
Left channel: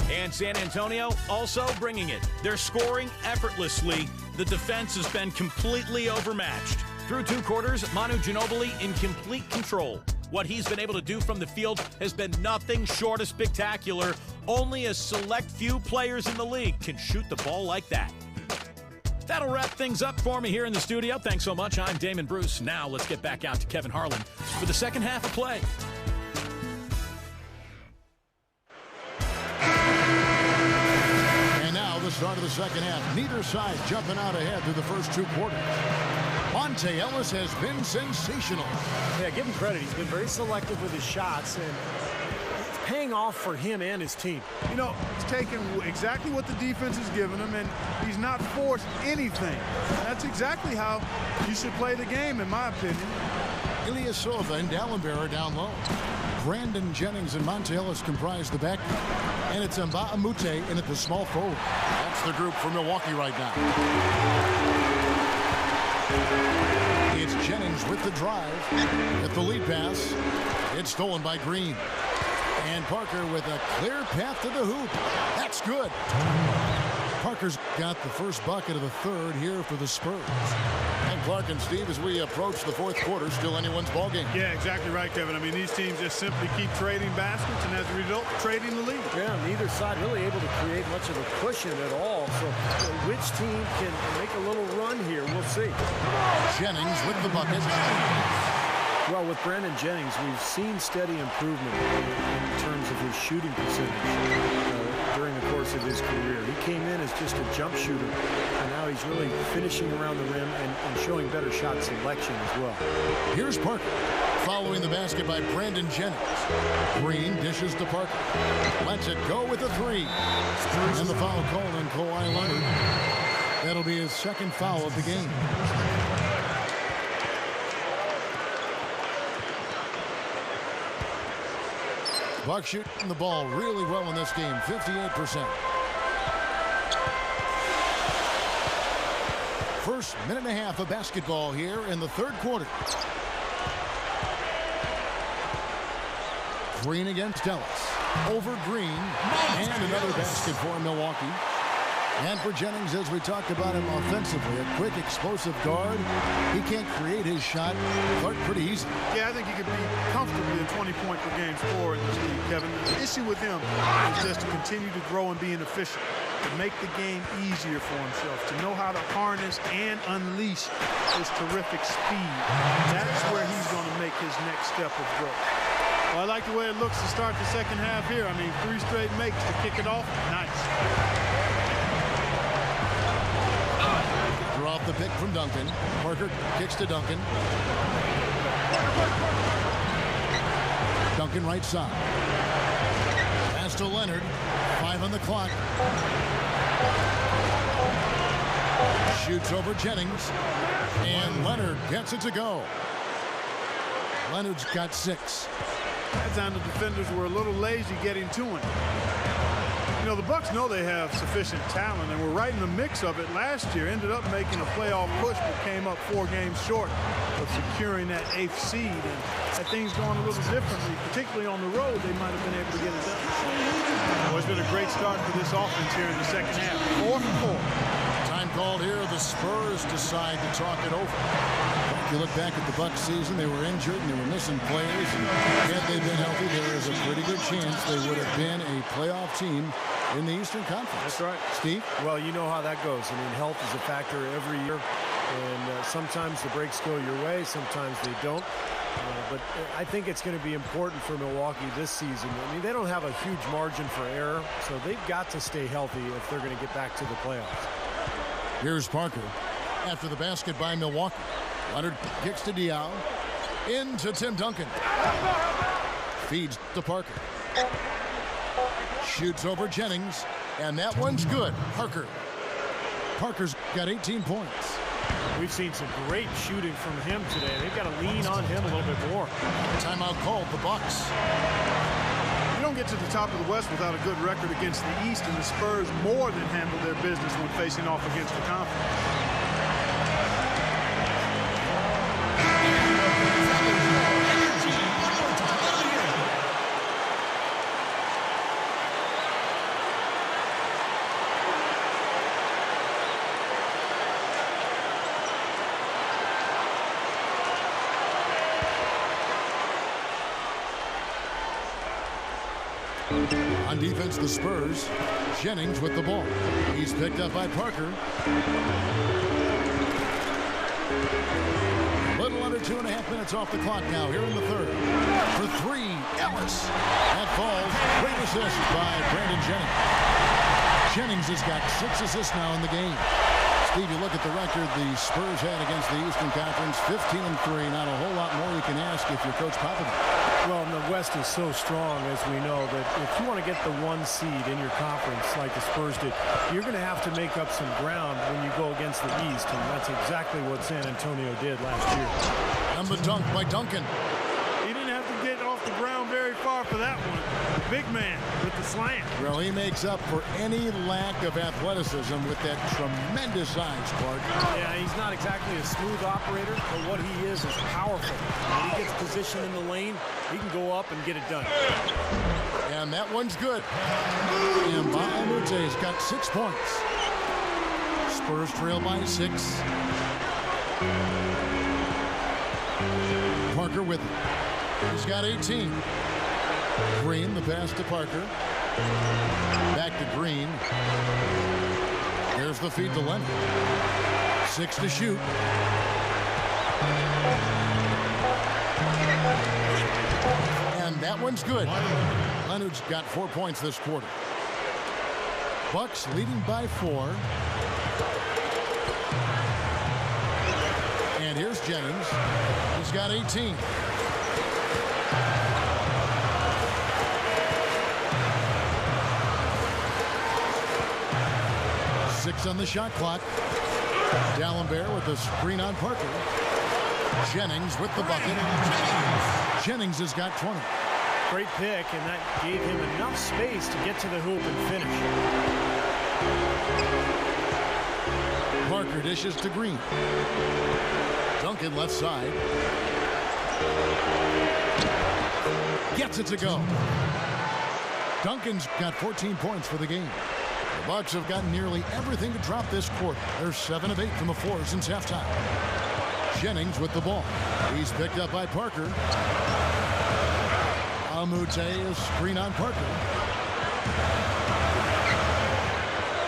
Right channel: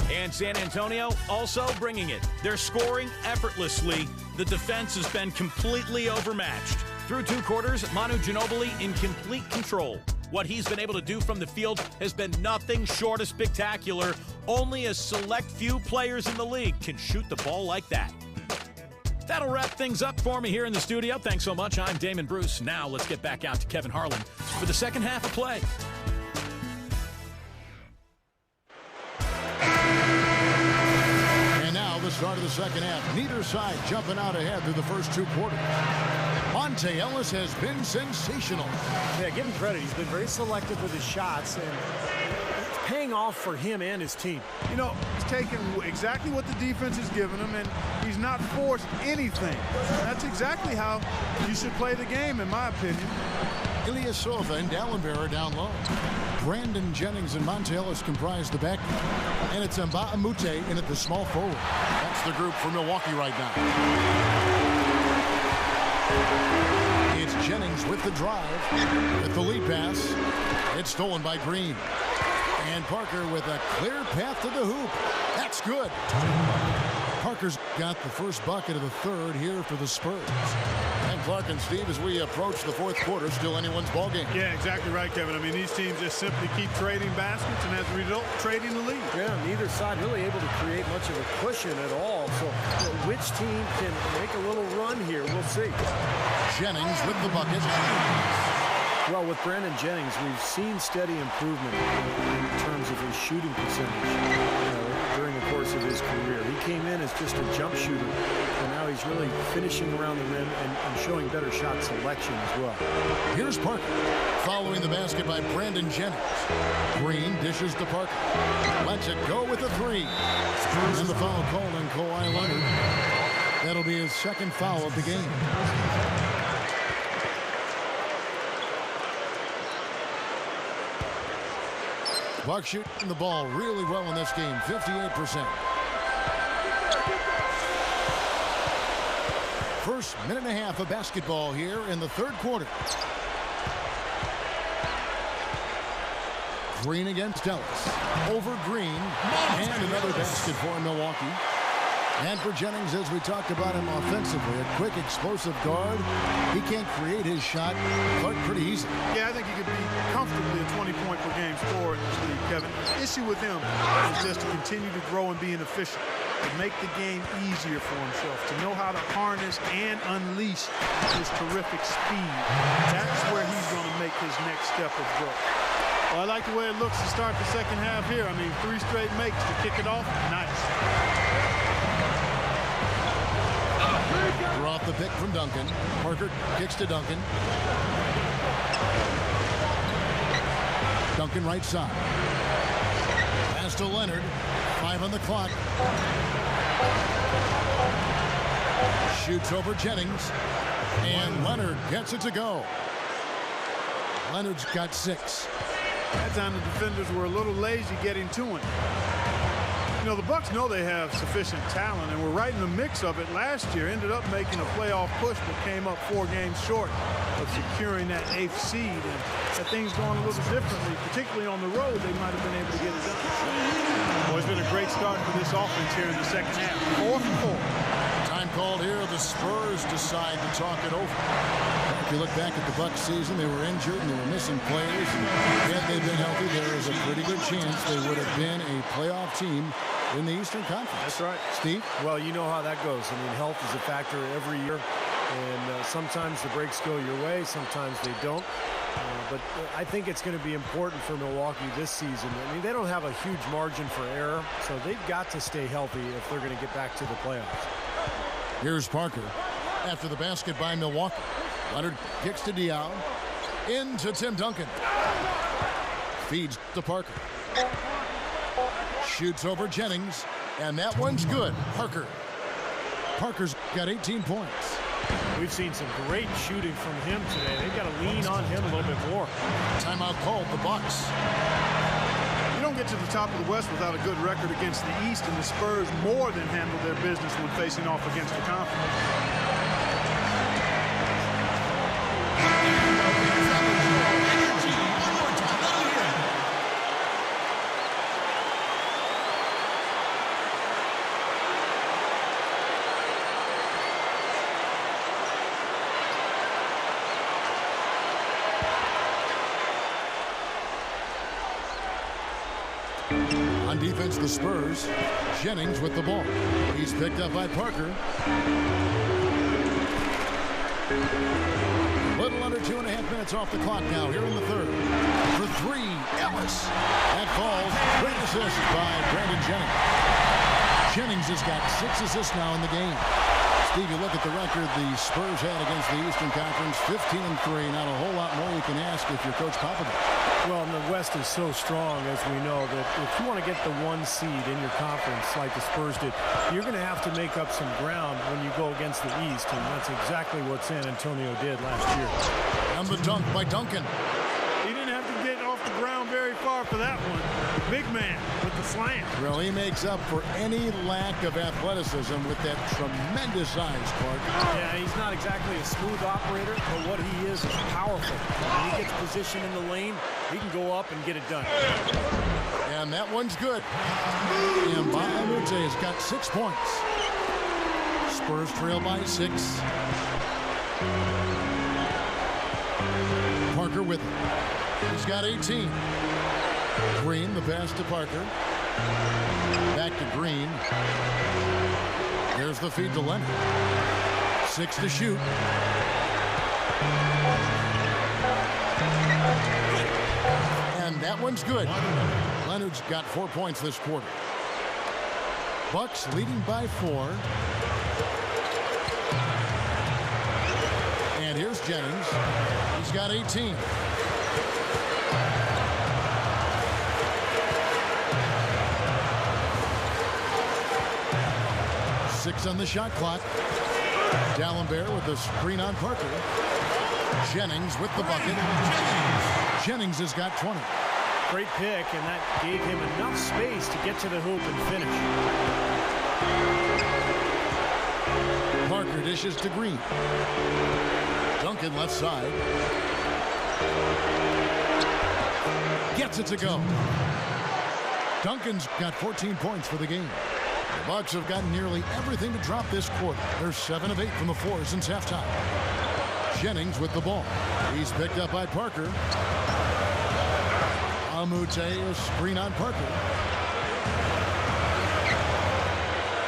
And San Antonio also bringing it. They're scoring effortlessly. The defense has been completely overmatched. Through 2 quarters, Manu Ginobili in complete control. What he's been able to do from the field has been nothing short of spectacular. Only a select few players in the league can shoot the ball like that. That'll wrap things up for me here in the studio. Thanks so much. I'm Damon Bruce. Now let's get back out to Kevin Harlan for the second half of play. And now the start of the second half. Neither side jumping out ahead through the first 2 quarters. Monte Ellis has been sensational. Yeah, give him credit. He's been very selective with his shots, and it's paying off for him and his team. You know, he's taken exactly what the defense has given him, and he's not forced anything. That's exactly how you should play the game, in my opinion. Ilyasova and Dallenberg down low. Brandon Jennings and Monte Ellis comprise the back. And it's Mbah a Moute in at the small forward. That's the group for Milwaukee right now. It's Jennings with the drive. At the lead pass. It's stolen by Green. And Parker with a clear path to the hoop. That's good. Parker's got the first bucket of the third here for the Spurs. And Clark and Steve, as we approach the fourth quarter, still anyone's ball game. Yeah, exactly right, Kevin. I mean, these teams just simply keep trading baskets, and as a result, trading the lead. Yeah, neither side really able to create much of a cushion at all. So which team can make a little run here? We'll see. Jennings with the bucket. Well, with Brandon Jennings, we've seen steady improvement in terms of his shooting percentage during the course of his career. He came in as just a jump shooter, and now he's really finishing around the rim and showing better shot selection as well. Here's Parker, following the basket by Brandon Jennings. Green dishes to Parker. Lets it go with a three. And the foul called on Kawhi Leonard. That'll be his second foul of the game. Bucks shooting the ball really well in this game, 58%. First minute and a half of basketball here in the third quarter. Green against Ellis. Over Green. And another basket for Milwaukee. And for Jennings, as we talk about him offensively, a quick, explosive guard. He can't create his shot, Clark, pretty easily. Yeah, I think he could be comfortably a 20-point per game scorer in this league, Kevin. The issue with him is just to continue to grow and be efficient, to make the game easier for himself, to know how to harness and unleash his terrific speed. That's where he's going to make his next step of growth. Well, I like the way it looks to start the second half here. I mean, 3 straight makes to kick it off. Nice. Draw off the pick from Duncan. Parker kicks to Duncan. Duncan right side. Pass to Leonard. 5 on the clock. Shoots over Jennings. And Leonard gets it to go. Leonard's got 6. That time the defenders were a little lazy getting to him. You know, the Bucks know they have sufficient talent, and were right in the mix of it last year. Ended up making a playoff push, but came up 4 games short of securing that 8th seed. And had things gone a little differently, particularly on the road, they might have been able to get it done. Well, it's been a great start for this offense here in the second half. 4 for 4. Time called here. The Spurs decide to talk it over. If you look back at the Bucks season, they were injured and they were missing players. And had they been healthy, there is a pretty good chance they would have been a playoff team in the Eastern Conference. That's right. Steve? Well, you know how that goes. I mean, health is a factor every year. And sometimes the breaks go your way, sometimes they don't. But I think it's going to be important for Milwaukee this season. I mean, they don't have a huge margin for error, so they've got to stay healthy if they're going to get back to the playoffs. Here's Parker after the basket by Milwaukee. Leonard kicks to Diaw. Into Tim Duncan. Feeds to Parker. Shoots over Jennings. And that one's good. Parker's got 18 points. We've seen some great shooting from him today. They've got to lean on him a little bit more. Timeout called the Bucks. You don't get to the top of the West without a good record against the East, and the Spurs more than handle their business when facing off against the conference. On defense, the Spurs. Jennings with the ball. He's picked up by Parker. Little under 2.5 minutes off the clock now here in the third. For 3, Ellis. That falls. Great assist by Brandon Jennings. Jennings has got 6 assists now in the game. Steve, you look at the record the Spurs had against the Eastern Conference, 15-3. Not a whole lot more you can ask if you're Coach Popovich. Well, and the West is so strong, as we know, that if you want to get the 1 seed in your conference like the Spurs did, you're going to have to make up some ground when you go against the East, and that's exactly what San Antonio did last year. And the dunk by Duncan. He didn't have to get off the ground very far for that one. Big man with the slam. Well, he makes up for any lack of athleticism with that tremendous size, Clark. Yeah, he's not exactly a smooth operator, but what he is powerful. When he gets positioned in the lane, he can go up and get it done. And that one's good. And Mbah a Moute has got 6 points. Spurs trail by 6. Parker with it. He's got 18. Green, the pass to Parker. Back to Green. There's the feed to Leonard. 6 to shoot. And that one's good. Leonard's got 4 points this quarter. Bucks leading by 4. And here's Jennings. He's got 18. Six on the shot clock. Dalembert with the screen on Parker. Jennings with the bucket. Jennings has got 20. Great pick, and that gave him enough space to get to the hoop and finish. Parker dishes to Green. Duncan left side. Gets it to go. Duncan's got 14 points for the game. The Bucks have gotten nearly everything to drop this quarter. They're 7 of 8 from the floor since halftime. Jennings with the ball. He's picked up by Parker. Amute, a screen on Parker.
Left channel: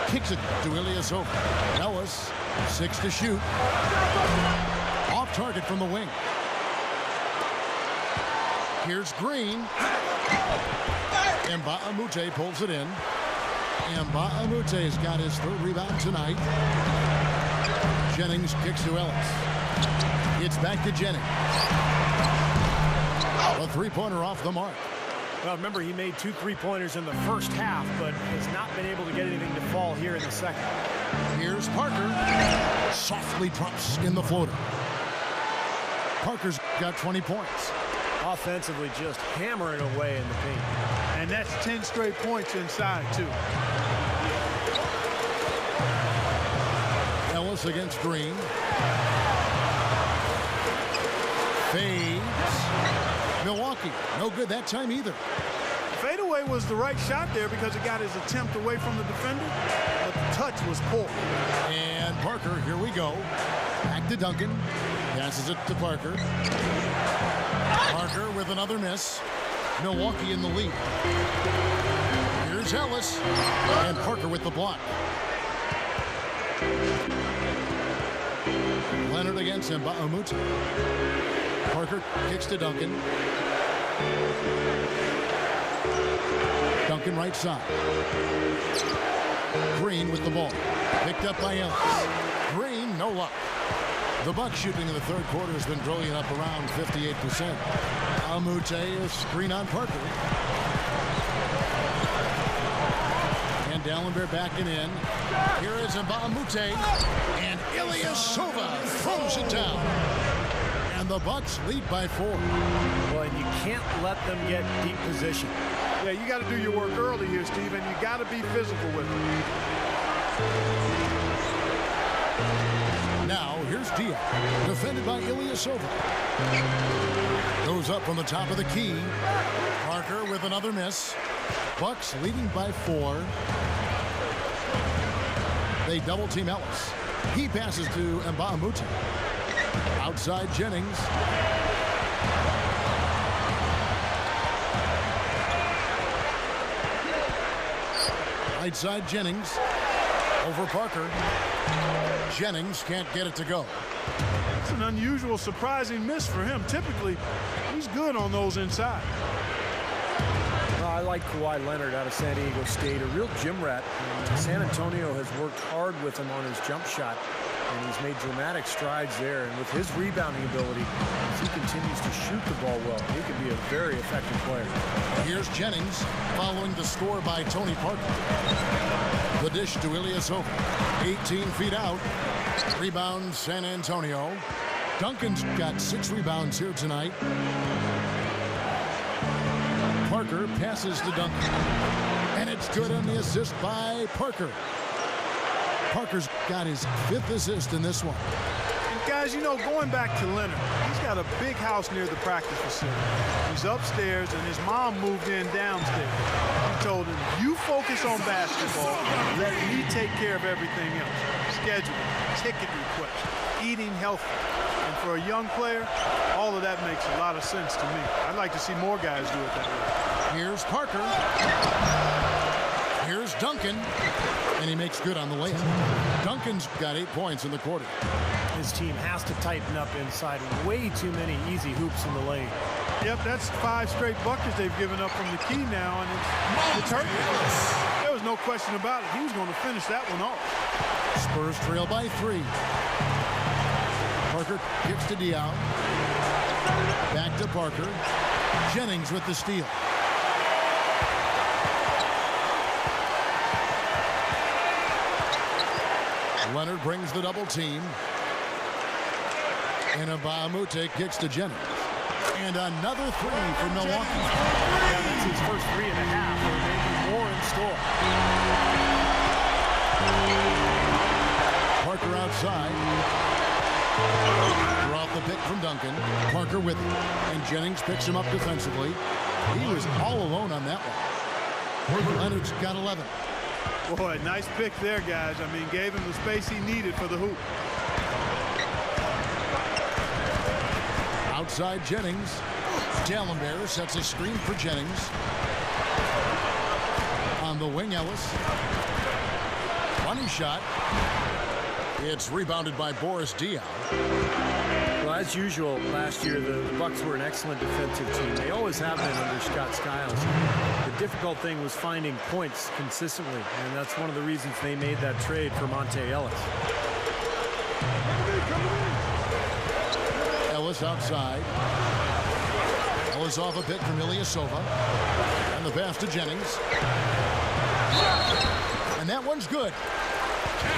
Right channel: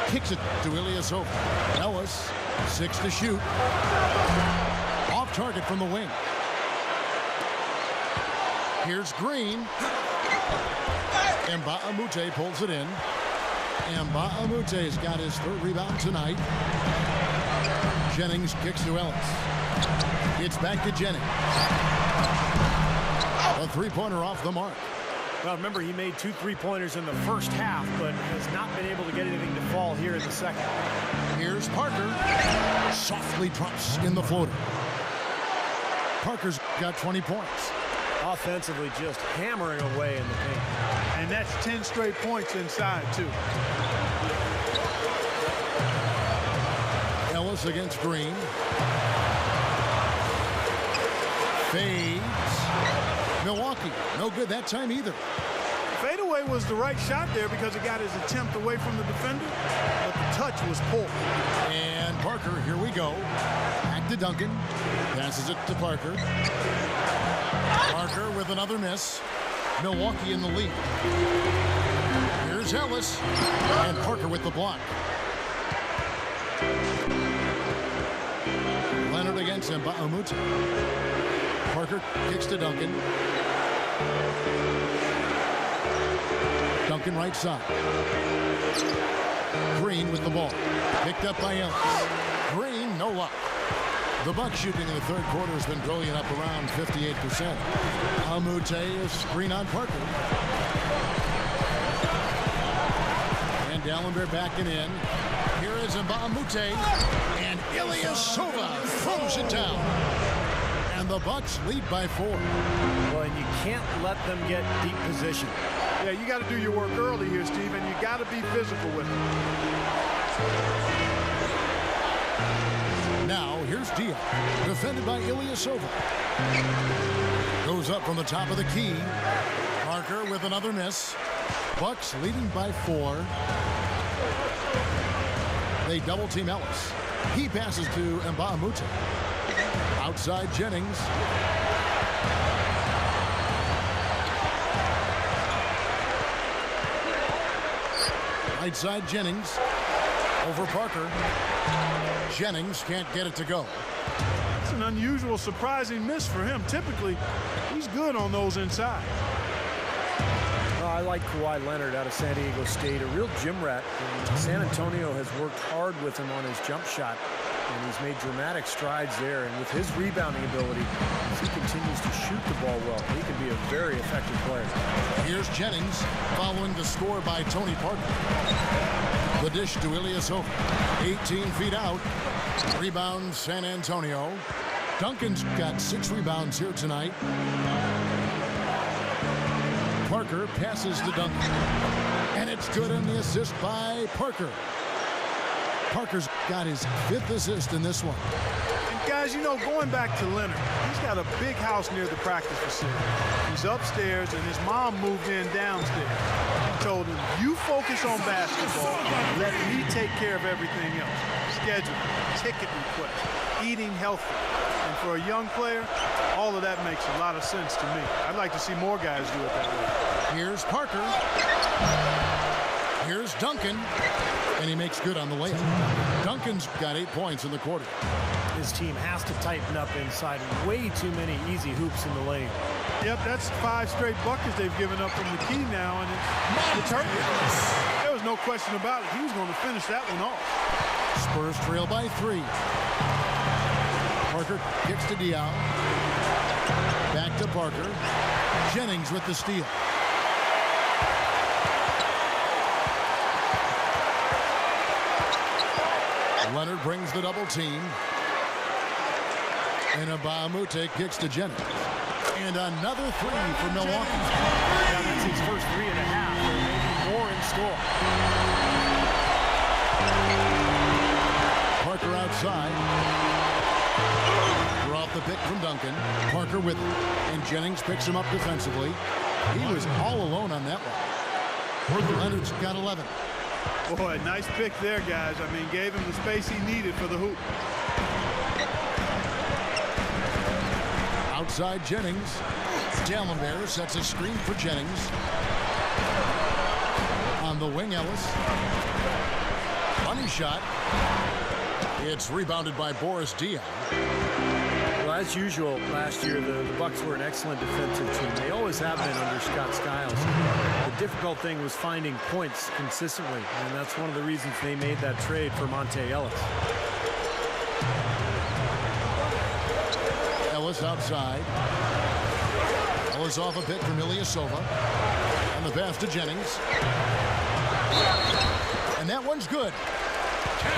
Kicks it to Ilyasova. Ellis, 6 to shoot. Off target from the wing. Here's Green. Mbamute pulls it in. Mbaamute's got his 3rd rebound tonight. Jennings kicks to Ellis. It's back to Jennings. A 3-pointer off the mark. Well, remember, he made 2 3-pointers in the first half, but has not been able to get anything to fall here in the second. Here's Parker. Softly drops in the floater. Parker's got 20 points. Offensively, just hammering away in the paint. And that's 10 straight points inside, too. Ellis against Green. Fades. Milwaukee, no good that time either. Fadeaway was the right shot there because it got his attempt away from the defender, but the touch was poor. And Parker, here we go. Back to Duncan. Passes it to Parker. Parker with another miss. Milwaukee in the lead. Here's Ellis. And Parker with the block. Leonard against Mbamute. Parker kicks to Duncan. Duncan right side. Green with the ball. Picked up by Ellis. Green, no luck. The Bucks shooting in the 3rd quarter has been brilliant, up around 58%. Amute is screen on Parker. And Dalembert backing in. Here is Mbamute. And Ilyasova throws it down. And the Bucks lead by 4. Well, and you can't let them get deep position. Yeah, you got to do your work early here, Steve, and you got to be physical with them. Now, here's Diop, defended by Ilyasova. Goes up from the top of the key. Parker with another miss. Bucks leading by 4. They double team Ellis. He passes to Mbamute. Outside Jennings. Right side Jennings. Over Parker. Jennings can't get it to go. That's an unusual, surprising miss for him. Typically, he's good on those inside. Well, I like Kawhi Leonard out of San Diego State, a real gym rat. And San Antonio has worked hard with him on his jump shot, and he's made dramatic strides there. And with his rebounding ability, as he continues to shoot the ball well, he can be a very effective player. Here's Jennings following the score by Tony Parker. The dish to Ilyasova. 18 feet out. Rebound San Antonio. Duncan's got 6 rebounds here tonight. Parker passes to Duncan. And it's good on the assist by Parker. Parker's got his 5th assist in this one. And guys, you know, going back to Leonard, he's got a big house near the practice facility. He's upstairs, and his mom moved in downstairs. told him, you focus on basketball, let me take care of everything else. Scheduling, ticket requests, eating healthy. And for a young player, all of that makes a lot of sense to me. I'd like to see more guys do it that way. Here's Parker. Here's Duncan. And he makes good on the layup. Duncan's got 8 points in the quarter. His team has to tighten up inside. Way too many easy hoops in the lane. Yep, that's 5 straight buckets they've given up from the key now, and it's hurting. There was no question about it. He was going to finish that one off. Spurs trail by 3. Parker kicks to Diaw. Back to Parker. Jennings with the steal. Leonard brings the double team. And Mbah a Moute kicks to Jennings. And another 3 for Milwaukee. Yeah, that's his first 3.5. There may be more in store. Parker outside. Draw off the pick from Duncan. Parker with him. And Jennings picks him up defensively. He was all alone on that one. Leonard's got 11. Boy, nice pick there, guys. I mean, gave him the space he needed for the hoop. Outside Jennings. Dalembert sets a screen for Jennings. On the wing, Ellis. Money shot. It's rebounded by Boris Diaw. Well, as usual, last year the Bucks were an excellent defensive team. They always have been under Scott Skiles. The difficult thing was finding points consistently, and that's one of the reasons they made that trade for Monte Ellis. Ellis outside. Ellis off a pick from Ilyasova. And the pass to Jennings. And that one's good.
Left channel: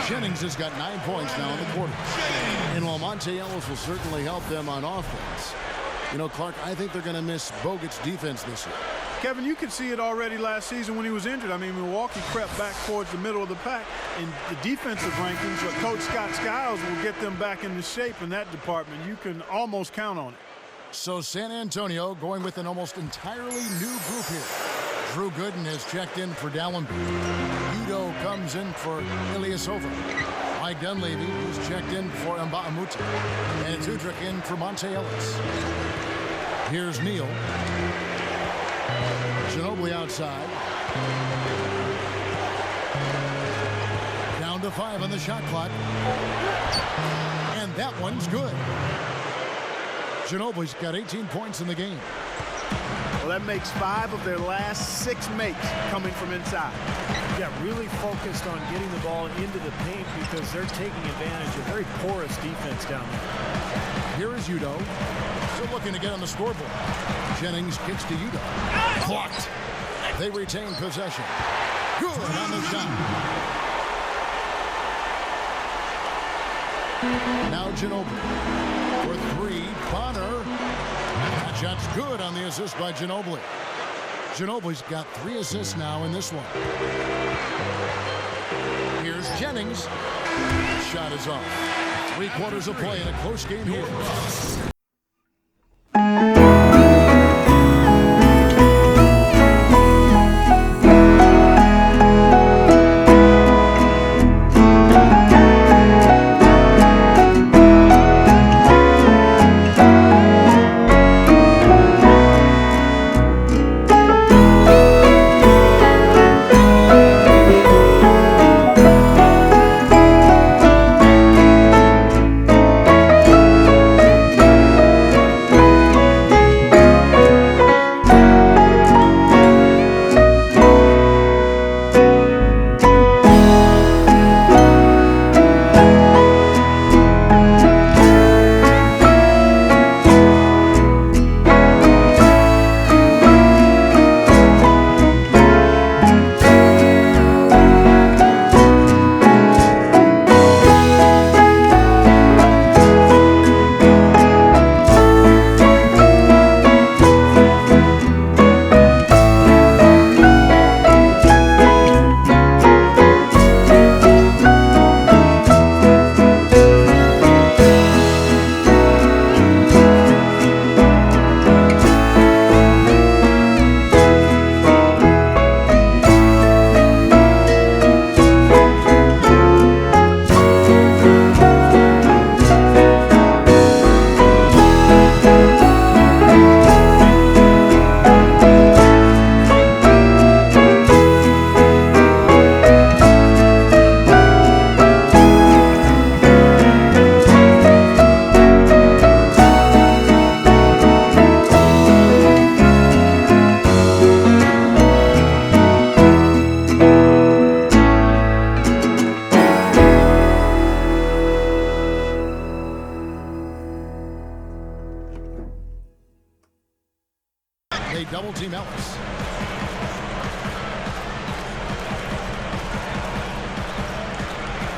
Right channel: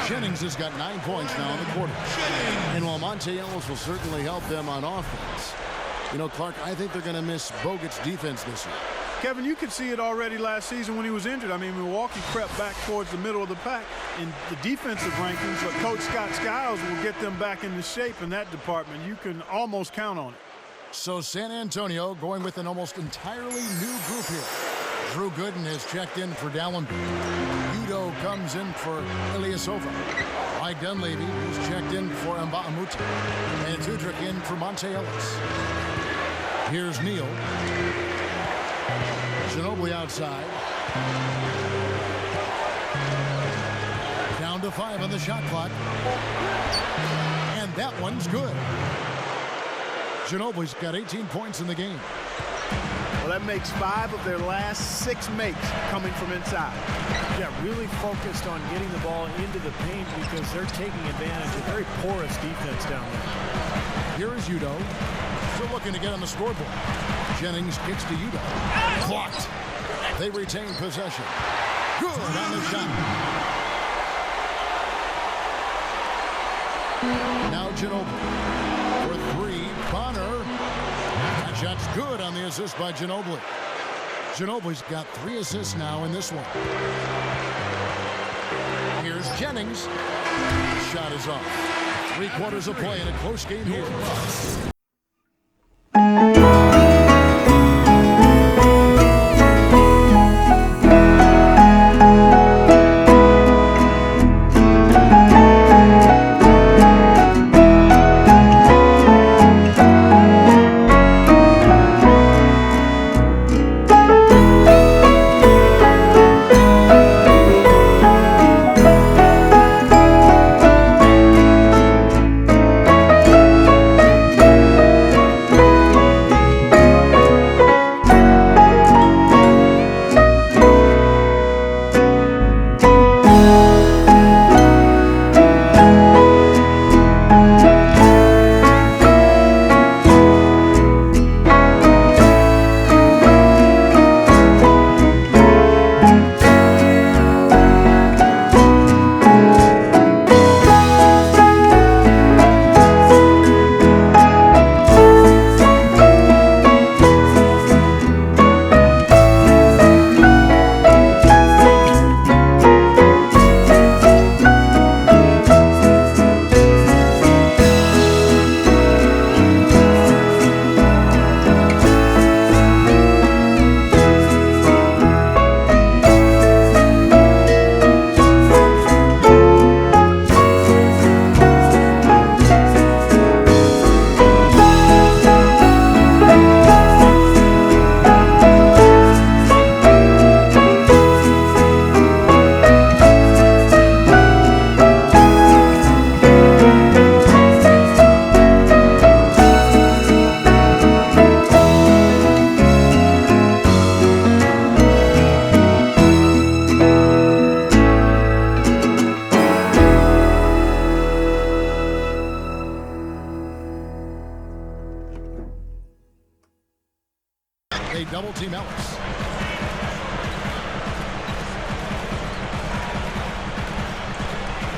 Jennings has got 9 points now in the quarter. And while Monte Ellis will certainly help them on offense, you know, Clark, I think they're going to miss Bogut's defense this year. Kevin, you could see it already last season when he was injured. I mean, Milwaukee crept back towards the middle of the pack in the defensive rankings, but Coach Scott Skiles will get them back into shape in that department. You can almost count on it. So San Antonio going with an almost entirely new group here. Drew Gooden has checked in for Dalembert. Udo comes in for Ilyasova. Mike Dunleavy, who's checked in for Mbah a Moute. And it's Udrih in for Monte Ellis. Here's Neal. Ginobili outside. Down to 5 on the shot clock. And that one's good. Ginobili's got 18 points in the game. Well, that makes 5 of their last 6 makes coming from inside. Yeah, really focused on getting the ball into the paint because they're taking advantage of very porous defense down there. Here is Udo. Still looking to get on the scoreboard. Jennings kicks to Udo. Blocked. They retain possession. Good on the shot. Now Ginobili. For 3, Bonner. That shot's good on the assist by Ginobili. Ginobili's got 3 assists now in this one. Here's Jennings. Shot is off. 3 quarters of play in a close game here. double-team Ellis.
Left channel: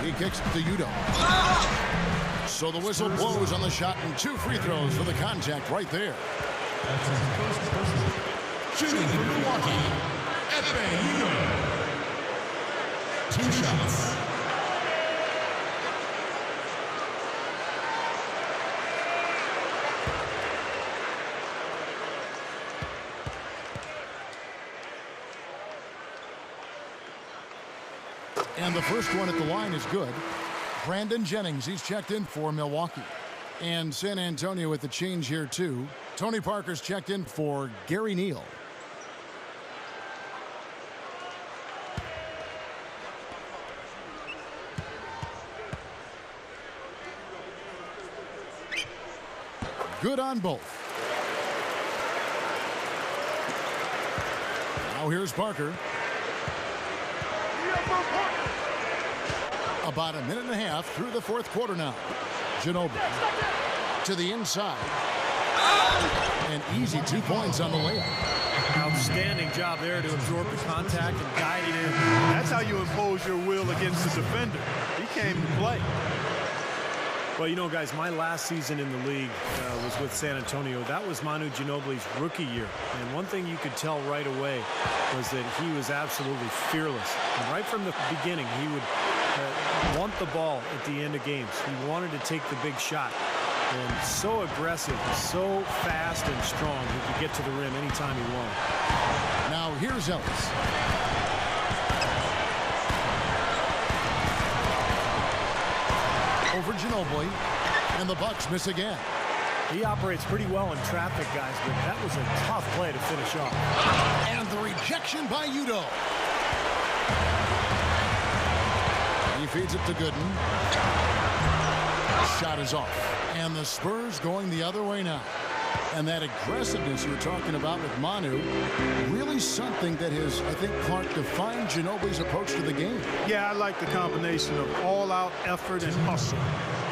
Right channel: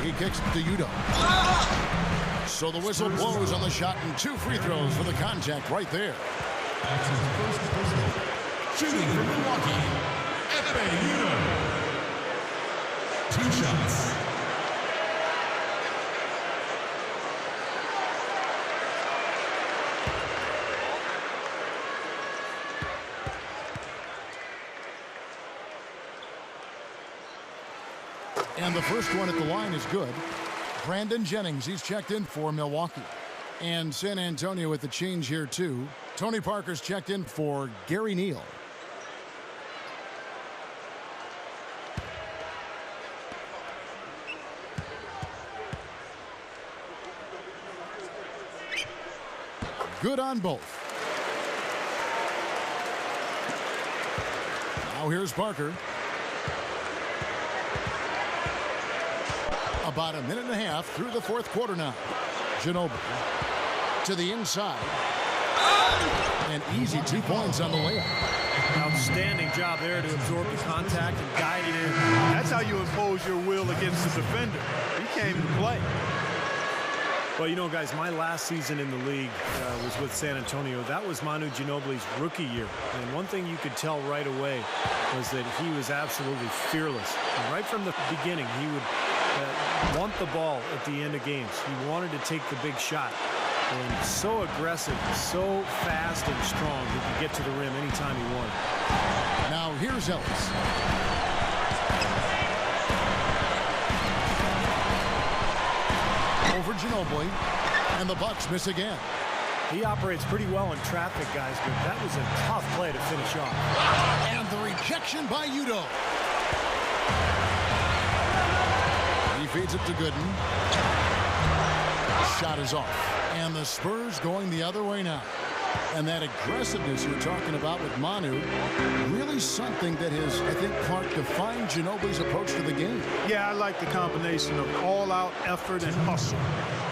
He kicks to Udoh. So the whistle blows on the shot, and 2 free throws for the contact right there. That's his first personal. Shooting for Milwaukee, Ekpe Udoh. 2 shots. And the first one at the line is good. Brandon Jennings, he's checked in for Milwaukee. And San Antonio with the change here too. Tony Parker's checked in for Gary Neal. Good on both. Now here's Parker. About a minute and a half through the 4th quarter now. Ginobili to the inside. An easy 2 points on the layup. Outstanding job there to absorb the contact and guide it in. That's how you impose your will against the defender. He came to play. Well, you know, guys, my last season in the league was with San Antonio. That was Manu Ginobili's rookie year. And one thing you could tell right away was that he was absolutely fearless. And right from the beginning, he would want the ball at the end of games. He wanted to take the big shot. And so aggressive, so fast and strong, he could get to the rim anytime he wanted. Now here's Ellis. Over Ginobili, and the Bucks miss again. He operates pretty well in traffic, guys, but that was a tough play to finish off. And the rejection by Udoh. He feeds it to Gooden. Shot is off. And the Spurs going the other way now. And that aggressiveness you were talking about with Manu, really something that has, I think, Clark, defined Ginobili's approach to the game. Yeah, I like the combination of all-out effort and hustle.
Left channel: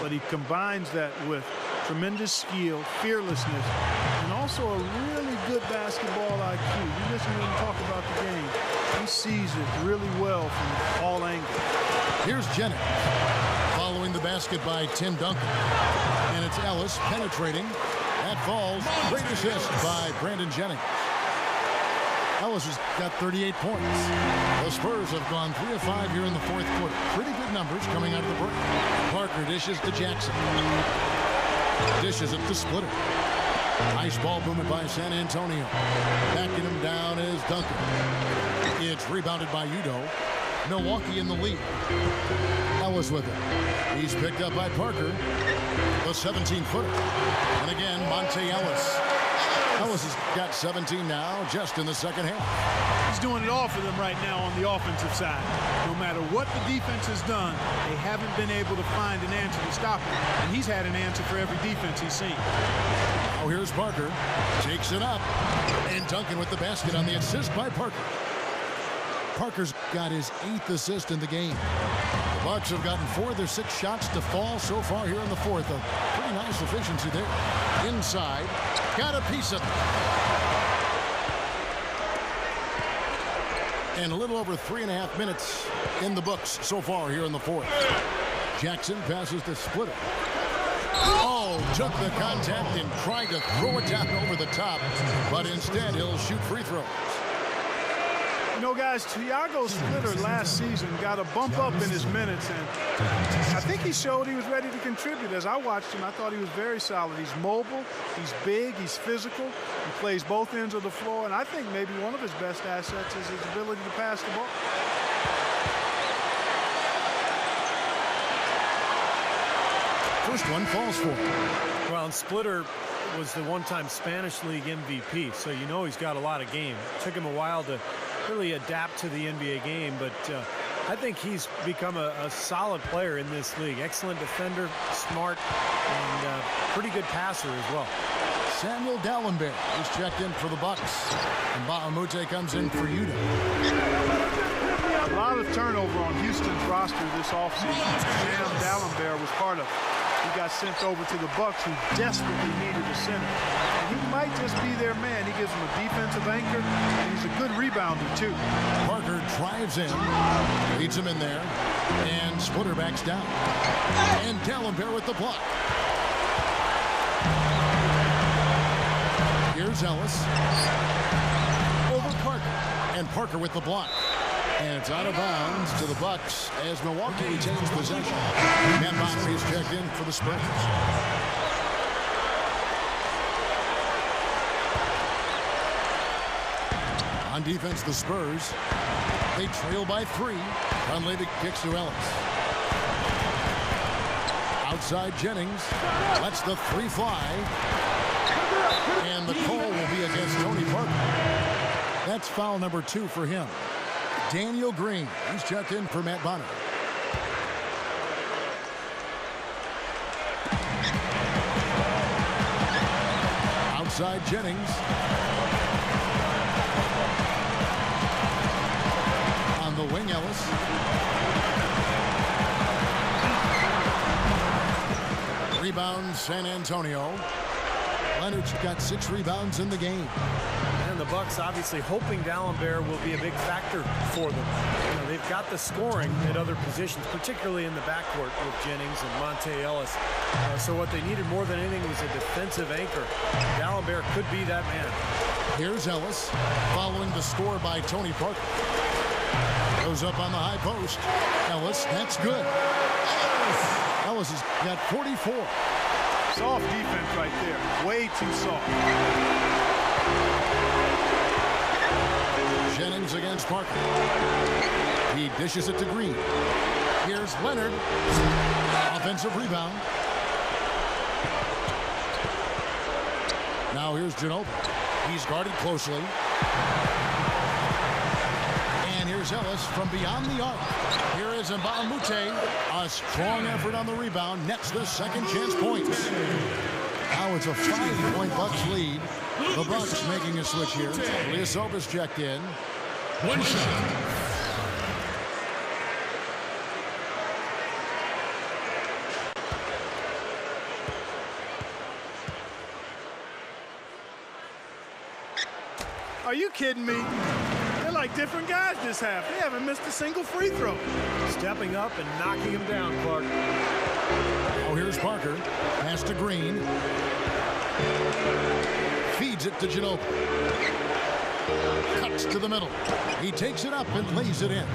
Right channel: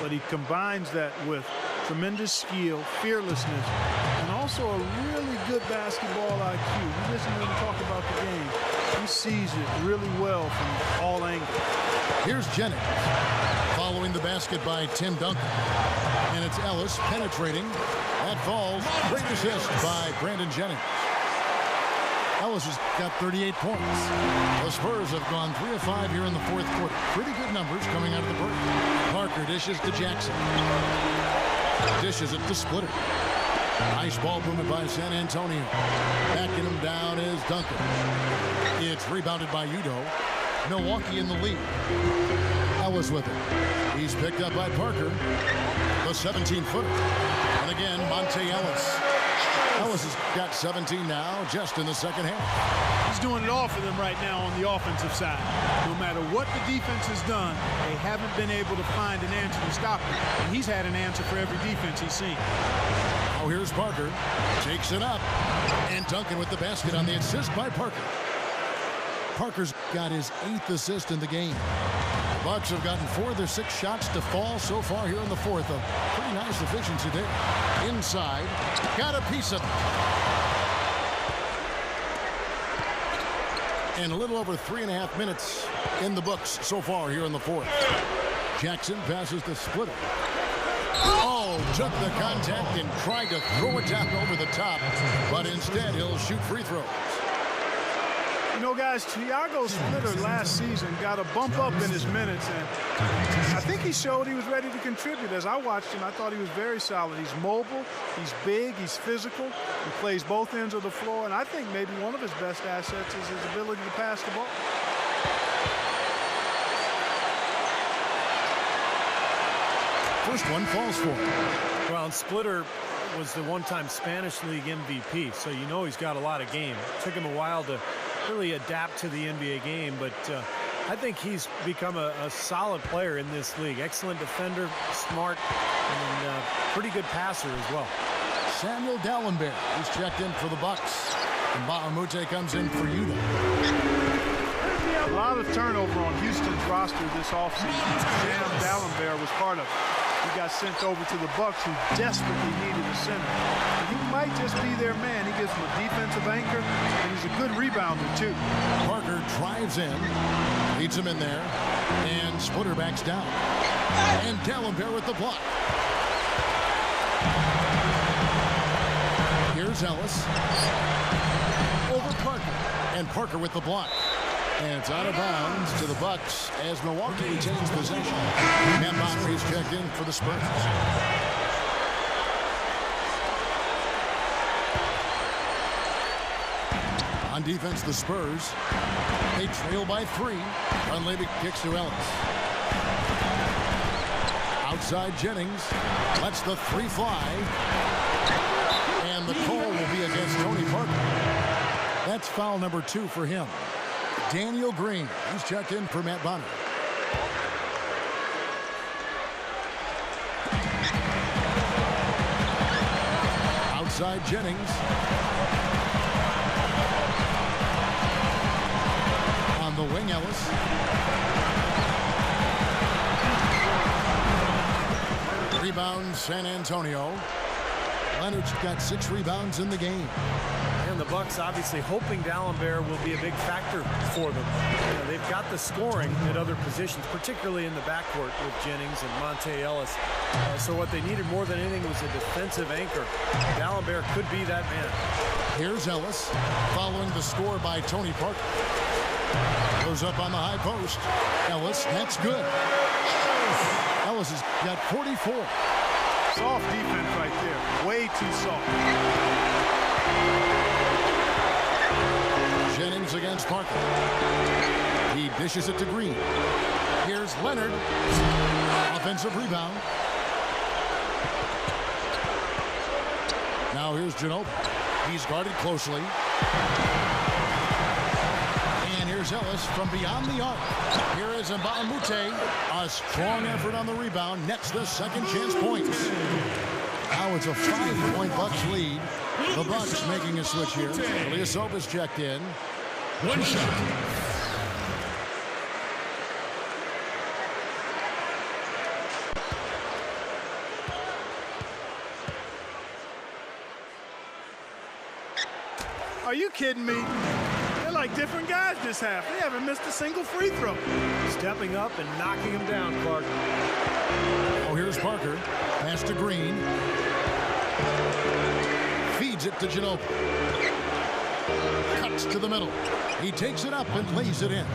But he combines that with tremendous skill, fearlessness, and also a really good basketball IQ. You listen to him talk about the game. He sees it really well from all angles. Here's Jennings, following the basket by Tim Duncan. And it's Ellis penetrating. That falls. Great assist by Brandon Jennings. Ellis has got 38 points. The Spurs have gone 3 of 5 here in the 4th quarter. Pretty good numbers coming out of the break. Parker dishes to Jackson. Dishes it to Splitter. Nice ball movement by San Antonio. Backing him down is Duncan. It's rebounded by Udoh. Milwaukee in the lead. Ellis with it. He's picked up by Parker. The 17-footer. And again, Monte Ellis. Ellis has got 17 now just in the second half. He's doing it all for them right now on the offensive side. No matter what the defense has done, they haven't been able to find an answer to stop him. And he's had an answer for every defense he's seen. Now here's Parker. Takes it up. And Duncan with the basket on the assist by Parker. Parker's got his 8th assist in the game. The Bucks have gotten 4 of their 6 shots to fall so far here in the 4th. A pretty nice efficiency there. Inside, got a piece of it. And a little over 3.5 minutes in the books so far here in the 4th. Jackson passes to Splitter. Oh, took the contact and tried to throw it down over the top, but instead he'll shoot free throws. You know, guys, Thiago Splitter last season got a bump up in his minutes, and I think he showed he was ready to contribute. As I watched him, I thought he was very solid. He's mobile, he's big, he's physical, he plays both ends of the floor, and I think maybe one of his best assets is his ability to pass the ball. First one falls for him. Well, and Splitter was the one-time Spanish League MVP, so you know he's got a lot of game. It took him a while to really adapt to the NBA game, but I think he's become a solid player in this league. Excellent defender, smart, and pretty good passer as well. Samuel Dalembert, who's checked in for the Bucks. And Bahamute comes in for Udoh. A lot of turnover on Houston's roster this offseason. Sam Dalembert was part of it. He got sent over to the Bucks, who desperately needed a center. And he might just be their man. He gives them a defensive anchor, and he's a good rebounder, too. Parker drives in, leads him in there, and Splitter backs down. And Dalembert with the block. Here's Ellis. Over Parker. And Parker with the block. And it's out of bounds to the Bucks as Milwaukee retains possession. Matt Bonner is checked in for the Spurs. On defense, the Spurs. They trail by 3. Dunleavy kicks to Ellis. Outside Jennings. Lets the 3 fly. And the call will be against Tony Parker. That's foul number 2 for him. Daniel Green, he's checked in for Matt Bonner. Outside Jennings. On the wing, Ellis. Rebound, San Antonio. Leonard's got 6 rebounds in the game. And the Bucks obviously hoping Dalembert will be a big factor for them. You know, they've got the scoring at other positions, particularly in the backcourt with Jennings and Monte Ellis. So what they needed more than anything was a defensive anchor. Dalembert could be that man. Here's Ellis following the score by Tony Parker. Goes up on the high post. Ellis, that's good. Ellis has got 44. Soft defense right there. Way too soft. Jennings against Parker. He dishes it to Green. Here's Leonard. Offensive rebound. Now here's Ginobili. He's guarded closely. And here's Ellis from beyond the arc. Here is Mbah a Moute. A strong effort on the rebound. Nets the second chance points. Now it's a 5-point Bucks lead. The Bucks making a switch here. Ilyasova checked in. One shot. Are you kidding me? They're like different guys this half. They haven't missed a single free throw. Stepping up and knocking him down, Clark. Oh, here's Parker. Pass to Green. Feeds it to Ginobili. Cuts to the middle. He takes it up and lays it in.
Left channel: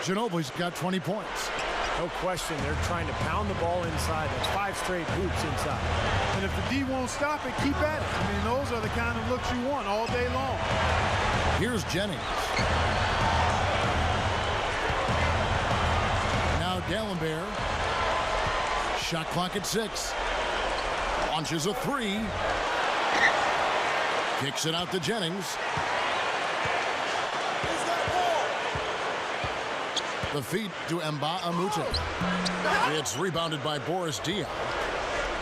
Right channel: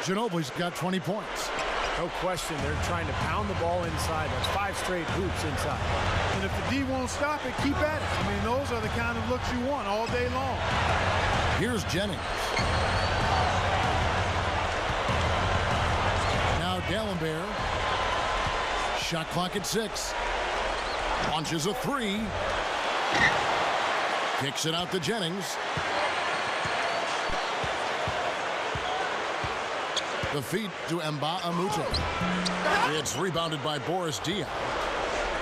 Ginobili's got 20 points. No question, they're trying to pound the ball inside. That's 5 straight hoops inside. And if the D won't stop it, keep at it. I mean, those are the kind of looks you want all day long. Here's Jennings. Now Dalembert. Shot clock at 6. Launches a 3. Kicks it out to Jennings. The feed to Mbah a Moute. It's rebounded by Boris Diaw.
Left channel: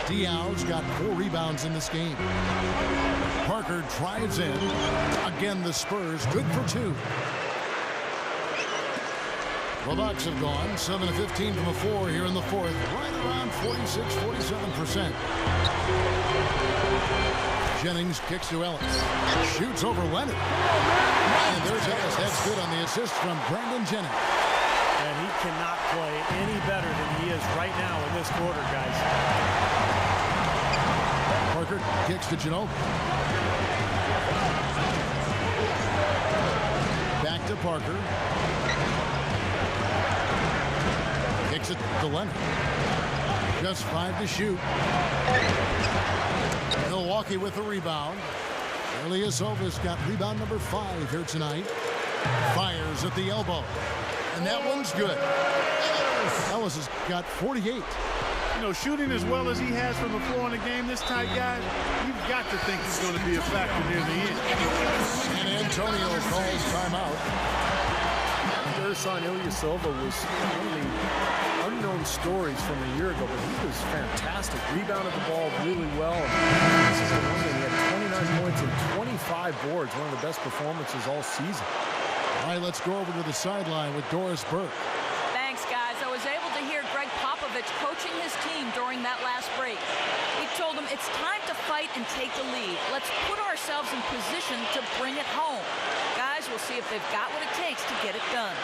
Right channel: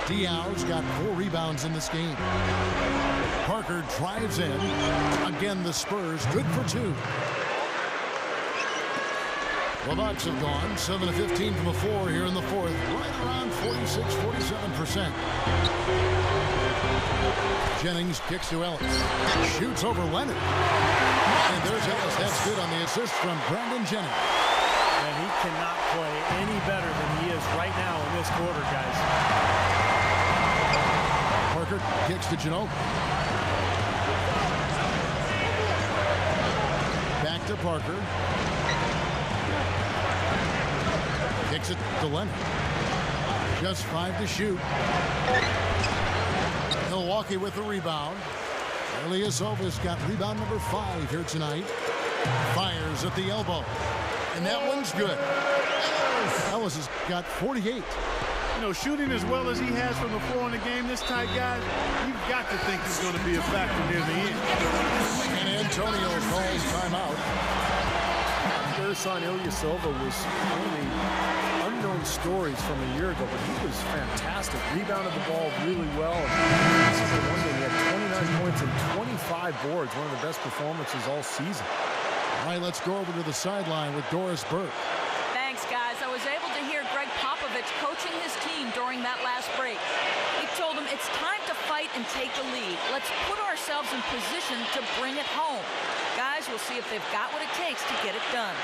Diaw's got 4 rebounds in this game. Parker drives in. Again, the Spurs good for 2. The Bucks have gone 7 of 15 from the floor here in the 4th, right around 46-47%. Jennings kicks to Ellis. Shoots over Leonard. And there's Ellis. That's good on the assist from Brandon Jennings. And he cannot play any better than he is right now in this quarter, guys. Parker kicks to Ginobili. Back to Parker. Kicks it to Leonard. Just 5 to shoot. Milwaukee with the rebound. Ilyasova's got rebound number 5 here tonight. Fires at the elbow. And that one's good. Ellis has got 48. You know, shooting as well as he has from the floor in the game this tight, guys, you've got to think he's going to be a factor near the end. And Antonio calls timeout. Ersan Ilyasova was one of the unknown stories from a year ago, but he was fantastic. Rebounded the ball really well. This is the one that he had 29 points and 25 boards, one of the best performances all season. All right, let's go over to the sideline with Doris Burke. Thanks, guys. I was able to hear Greg Popovich coaching his team during that last break. He told them it's time to fight and take the lead. Let's put ourselves in position to bring it home. Guys, we'll see if they've got what it takes to get it done.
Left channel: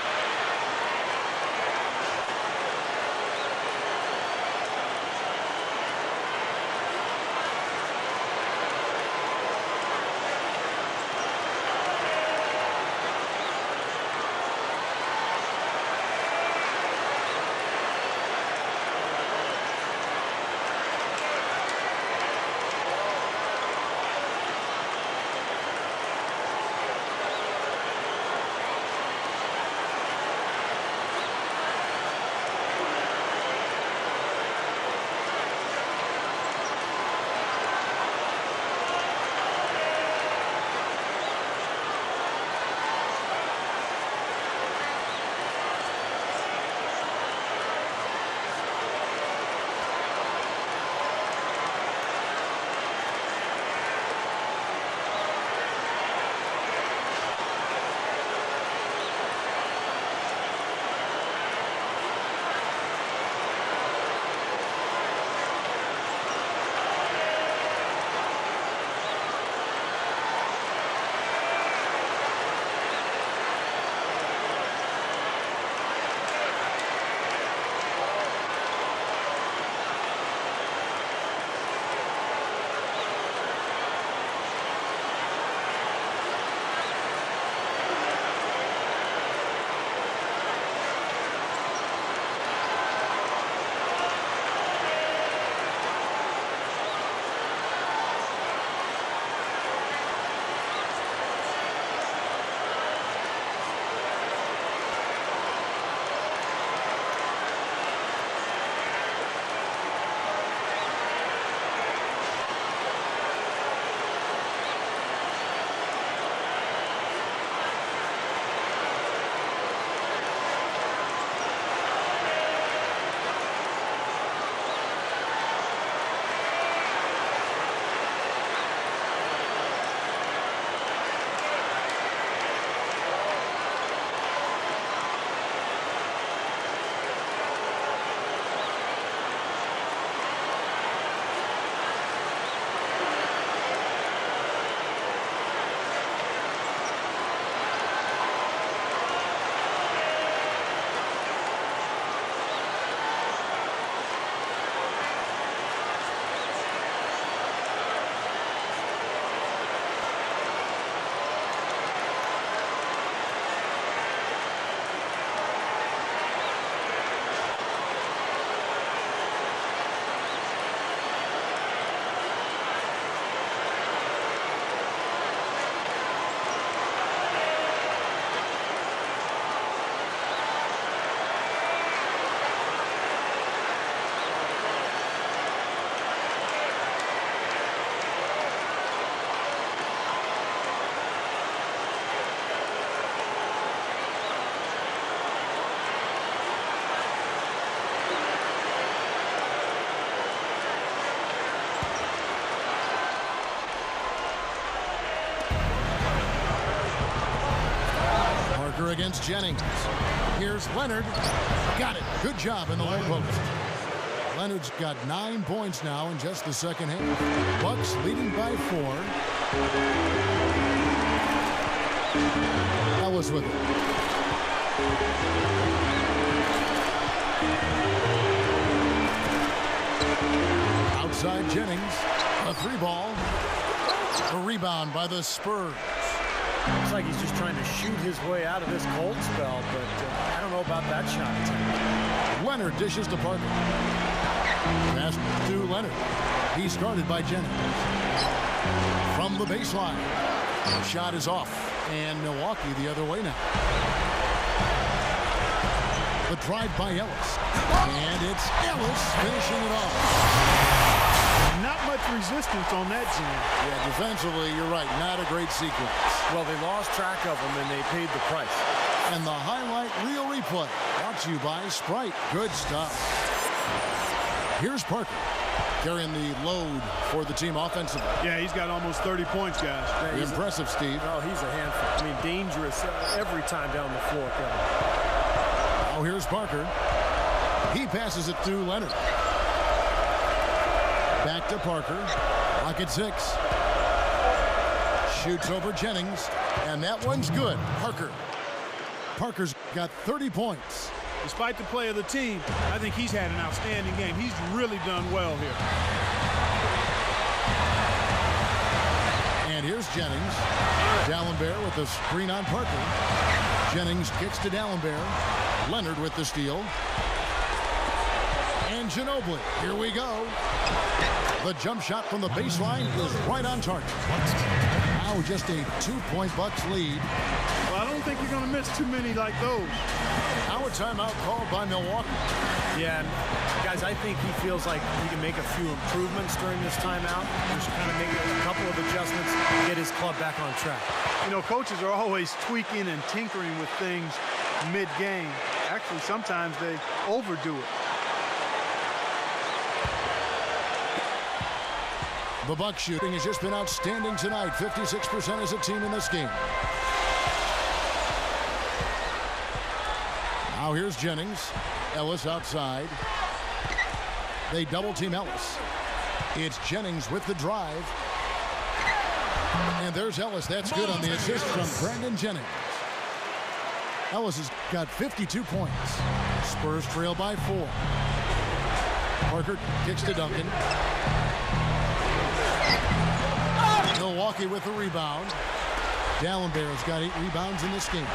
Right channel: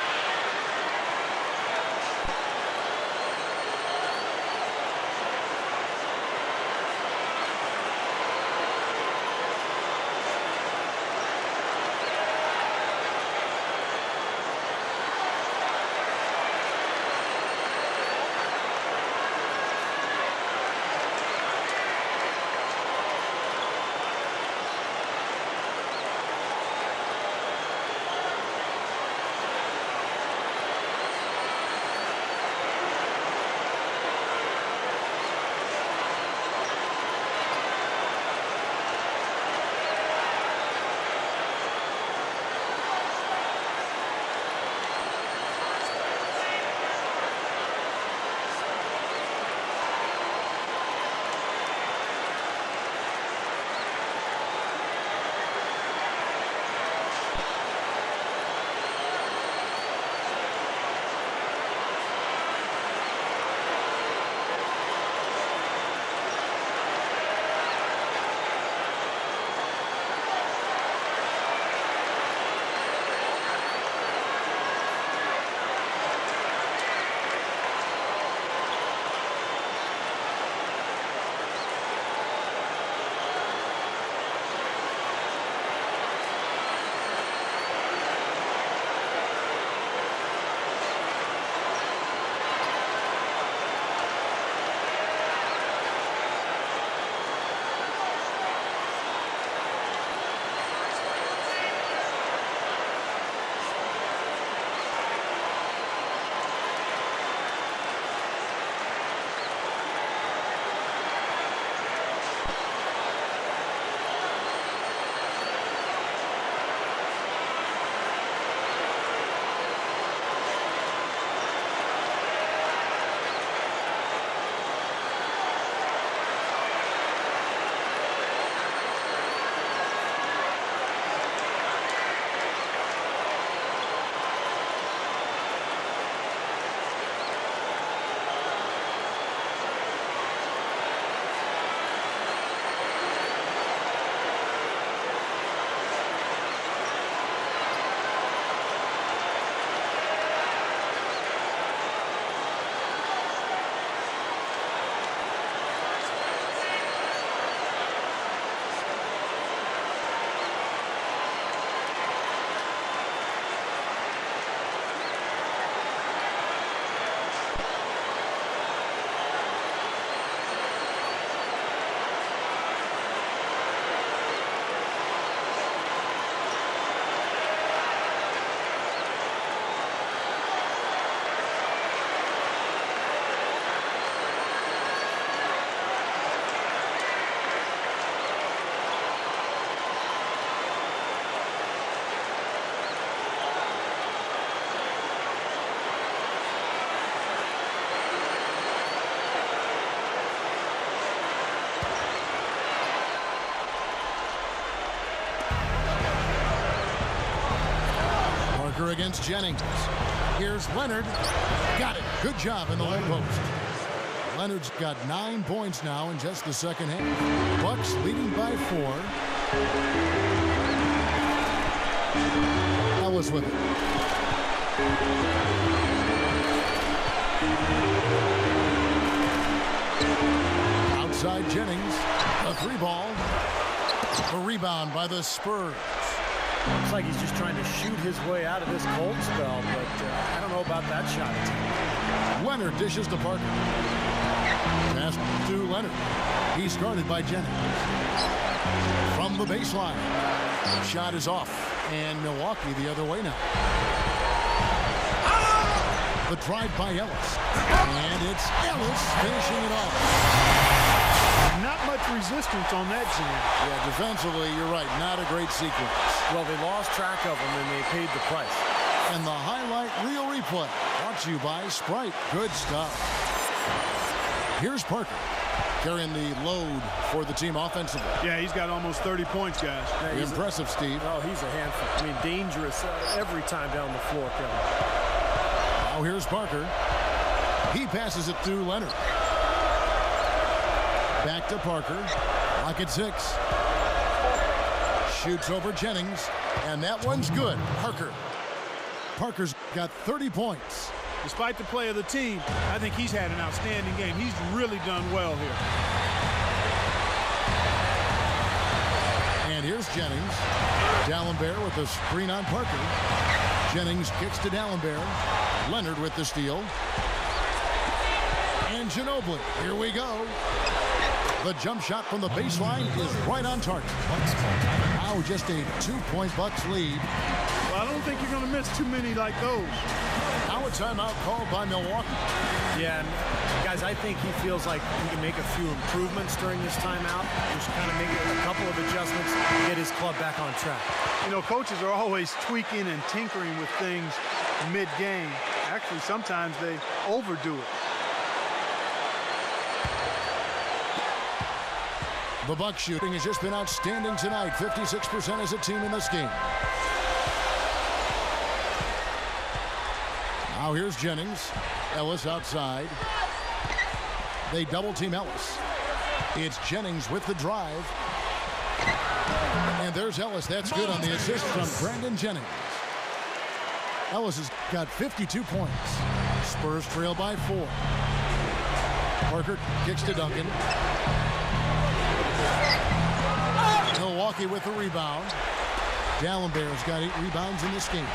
Parker against Jennings. Here's Leonard. Got it. Good job in the low post. Leonard's got 9 points now in just the second half. Bucks leading by 4. Ellis with it. Outside Jennings. A 3-ball. The rebound by the Spurs. Looks like he's just trying to shoot his way out of this cold spell, but I don't know about that shot attempt. Leonard dishes to Parker. Pass to Leonard. He's guarded by Jennings. From the baseline. The shot is off, and Milwaukee the other way now. The drive by Ellis. And it's Ellis finishing it off. Not much resistance on that jam. Yeah, defensively, you're right. Not a great sequence. Well, they lost track of him, and they paid the price. And the highlight reel replay brought to you by Sprite. Good stuff. Here's Parker carrying the load for the team offensively. Yeah, he's got almost 30 points, guys. Yeah, impressive, Steve. Oh, he's a handful. I mean, dangerous every time down the floor, Kevin. Now here's Parker. He passes it to Leonard. Back to Parker. Lock at 6. Shoots over Jennings. And that one's good. Parker's got 30 points. Despite the play of the team, I think he's had an outstanding game. He's really done well here. And here's Jennings. D'Alembert with the screen on Parker. Jennings kicks to D'Alembert. Leonard with the steal. And Ginobili. Here we go. The jump shot from the baseline is right on target. Now just a 2-point Bucks lead. Well, I don't think you're going to miss too many like those. Now a timeout called by Milwaukee. Yeah, and guys, I think he feels like he can make a few improvements during this timeout. Just kind of make a couple of adjustments, get his club back on track. You know, coaches are always tweaking and tinkering with things mid-game. Actually, sometimes they overdo it. The Bucks shooting has just been outstanding tonight. 56% as a team in this game. Now here's Jennings. Ellis outside. They double team Ellis. It's Jennings with the drive. And there's Ellis. That's good on the assist from Brandon Jennings. Ellis has got 52 points. Spurs trail by 4. Parker kicks to Duncan. Milwaukee with the rebound. D'Alembert's got 8 rebounds in this game.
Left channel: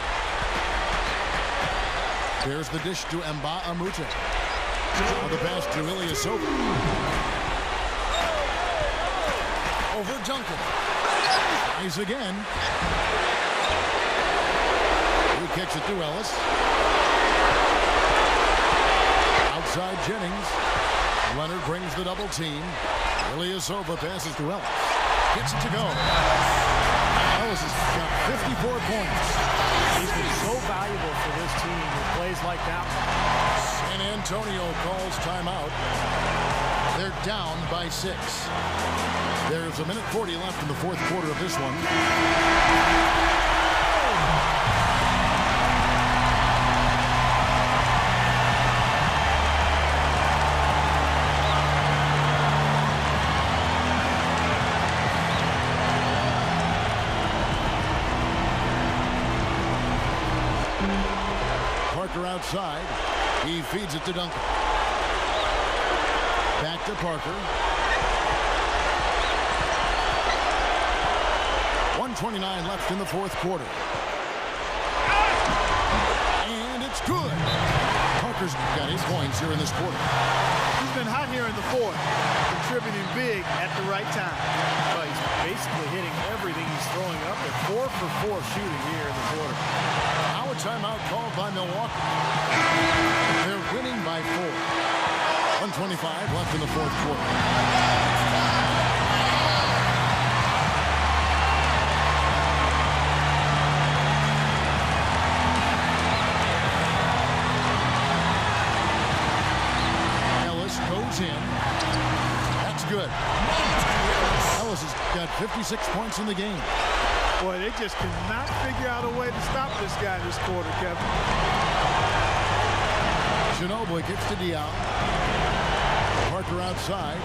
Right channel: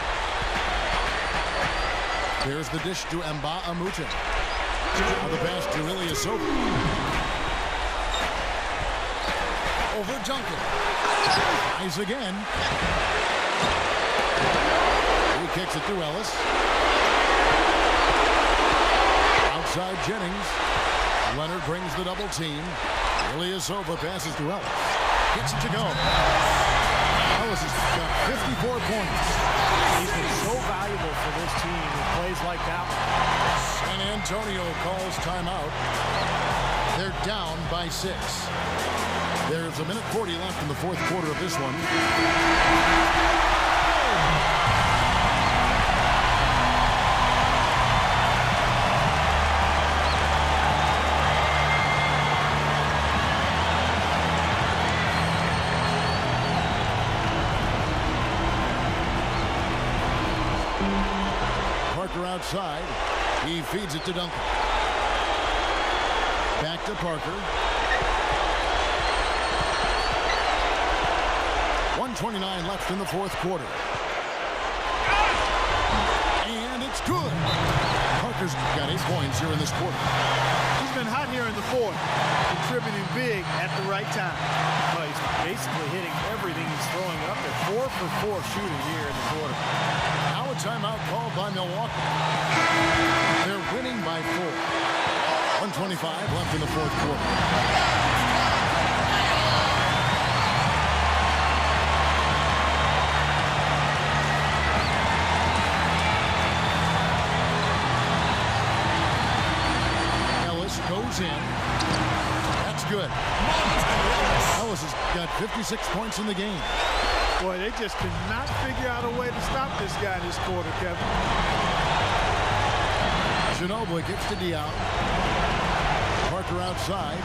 There's the dish to Mbah a Moute. Now the pass to Ilyasova. Over Duncan. Tries again. He kicks it to Ellis. Outside Jennings. Leonard brings the double team. Ilyasova passes to Ellis. Gets it to go. Ellis has got 54 points. He's been so valuable for this team with plays like that one. San Antonio calls timeout. They're down by 6. There's 1:40 left in the fourth quarter of this one. Parker outside. He feeds it to Duncan. Back to Parker. 1:29 left in the fourth quarter. And it's good. Parker's got 8 points here in this quarter. He's been hot here in the fourth, contributing big at the right time. Well, he's basically hitting everything he's throwing up there. 4 for 4 shooting here in the quarter. Now a timeout called by Milwaukee. They're winning by 4. 1:25 left in the fourth quarter. Ellis goes in. That's good. Ellis has got 56 points in the game. Boy, they just cannot figure out a way to stop this guy this quarter, Kevin. Ginobili kicks to Diaw. Parker outside.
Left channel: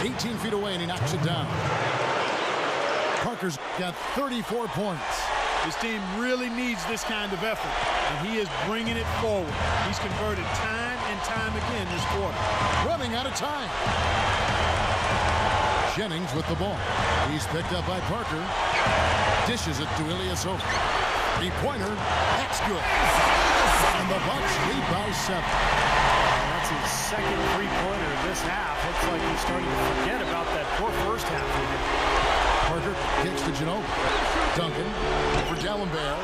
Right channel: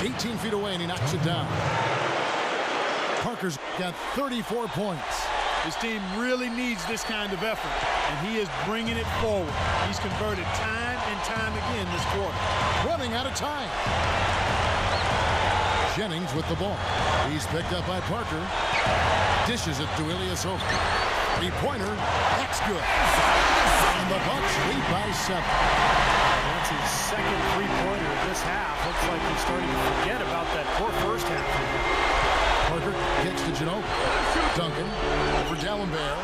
18 feet away, and he knocks it down. Parker's got 34 points. This team really needs this kind of effort, and he is bringing it forward. He's converted time and time again this quarter. Running out of time. Jennings with the ball. He's picked up by Parker. Dishes it to Ilyasova. 3-pointer. That's good. And the Bucks lead by 7. And that's his second 3-pointer of this half. Looks like he's starting to forget about that poor first half of him. Parker kicks to Ginobili. Duncan over D'Alembert.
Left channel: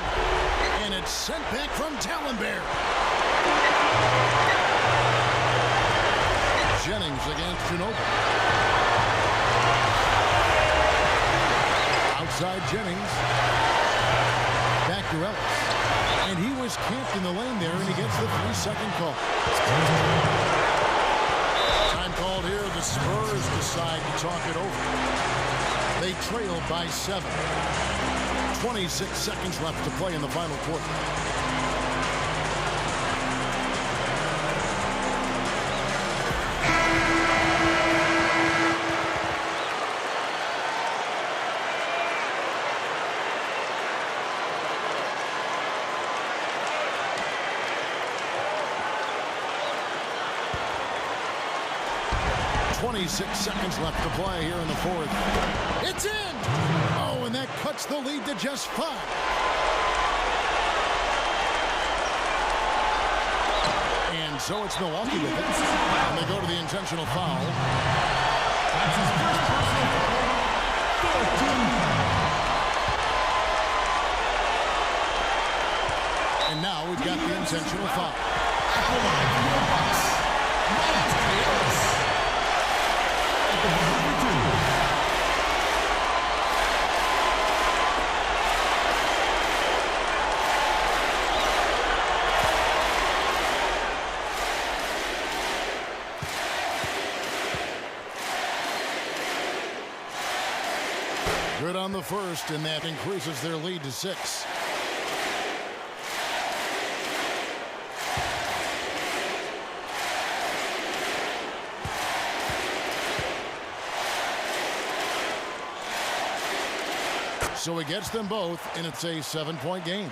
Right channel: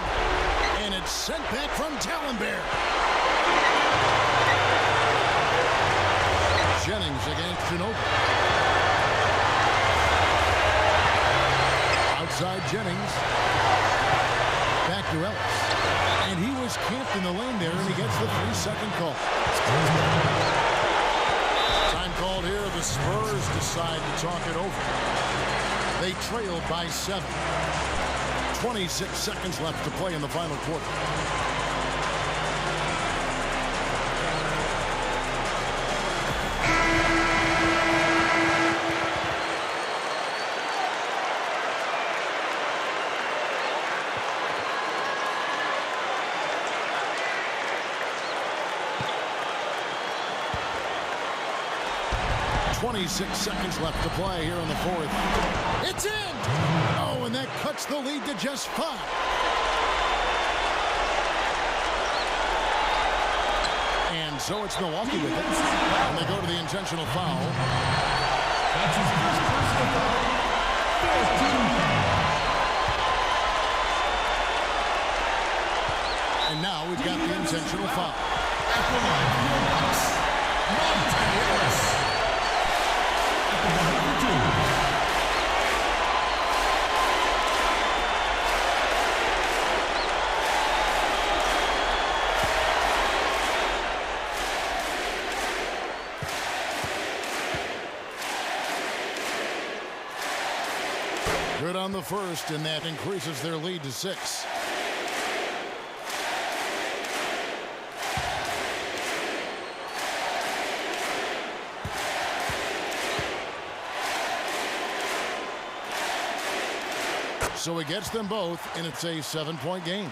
And it's sent back from D'Alembert. Jennings against Ginobili. Outside Jennings. Back to Ellis. And he was camped in the lane there, and he gets the 3-second call. Time called here. The Spurs decide to talk it over. They trail by 7. 26 seconds left to play in the final quarter. 26 seconds left to play here in the fourth. It's in! Oh, and that cuts the lead to just 5. And so it's Milwaukee with it. And they go to the intentional foul. That's his first personal foul. 14 foul. And now we've got the intentional foul. At the line for your Bucks, Monte Ellis. At the line for 2. Good on the first, and that increases their lead to 6. So he gets them both, and it's a 7-point game.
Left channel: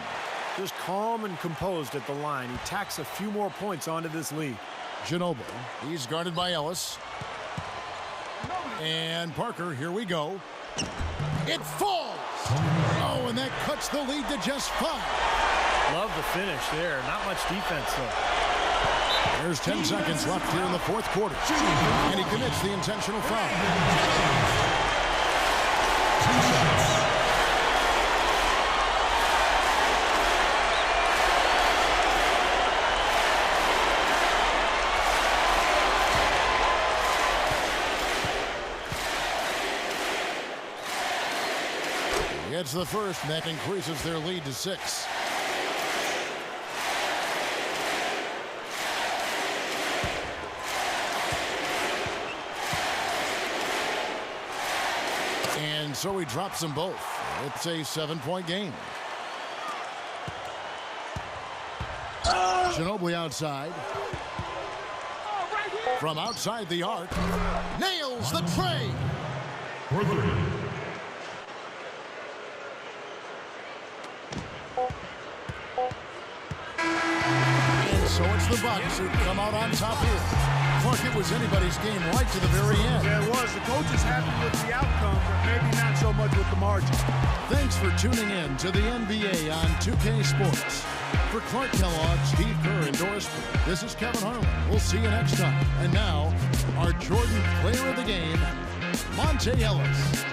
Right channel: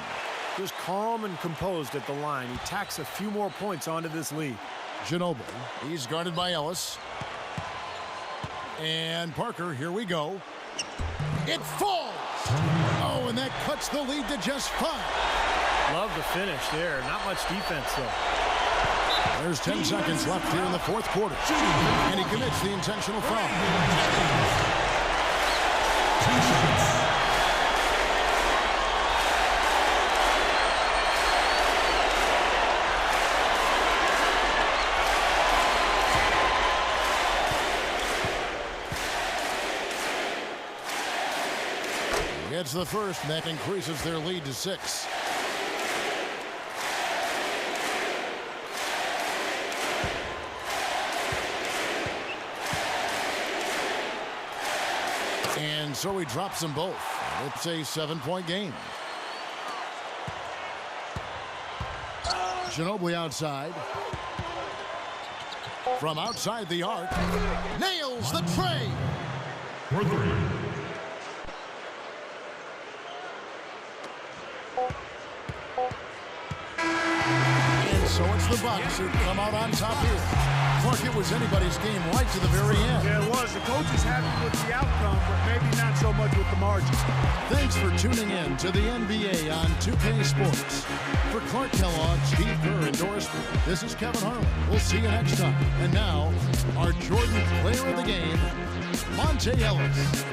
Just calm and composed at the line. He tacks a few more points onto this lead. Ginobili, he's guarded by Ellis. And Parker, here we go. It falls! Oh, and that cuts the lead to just 5. Love the finish there. Not much defense, though. There's 10 seconds left here in the fourth quarter. And he commits the intentional foul. 2 shots. Gets the first, and that increases their lead to 6. And so he drops them both. It's a 7-point game. Ginobili outside. From outside the arc. Nails the tray. For 3. So it's the Bucks who come out on top here. Clark, it was anybody's game right to the very end. Yeah, it was. The coach is happy with the outcome, but maybe not so much with the margin. Thanks for tuning in to the NBA on 2K Sports. For Clark Kellogg, Steve Kerr, and Doris Burke, this is Kevin Harlan. We'll see you next time. And now, our Jordan player of the game, Monte Ellis.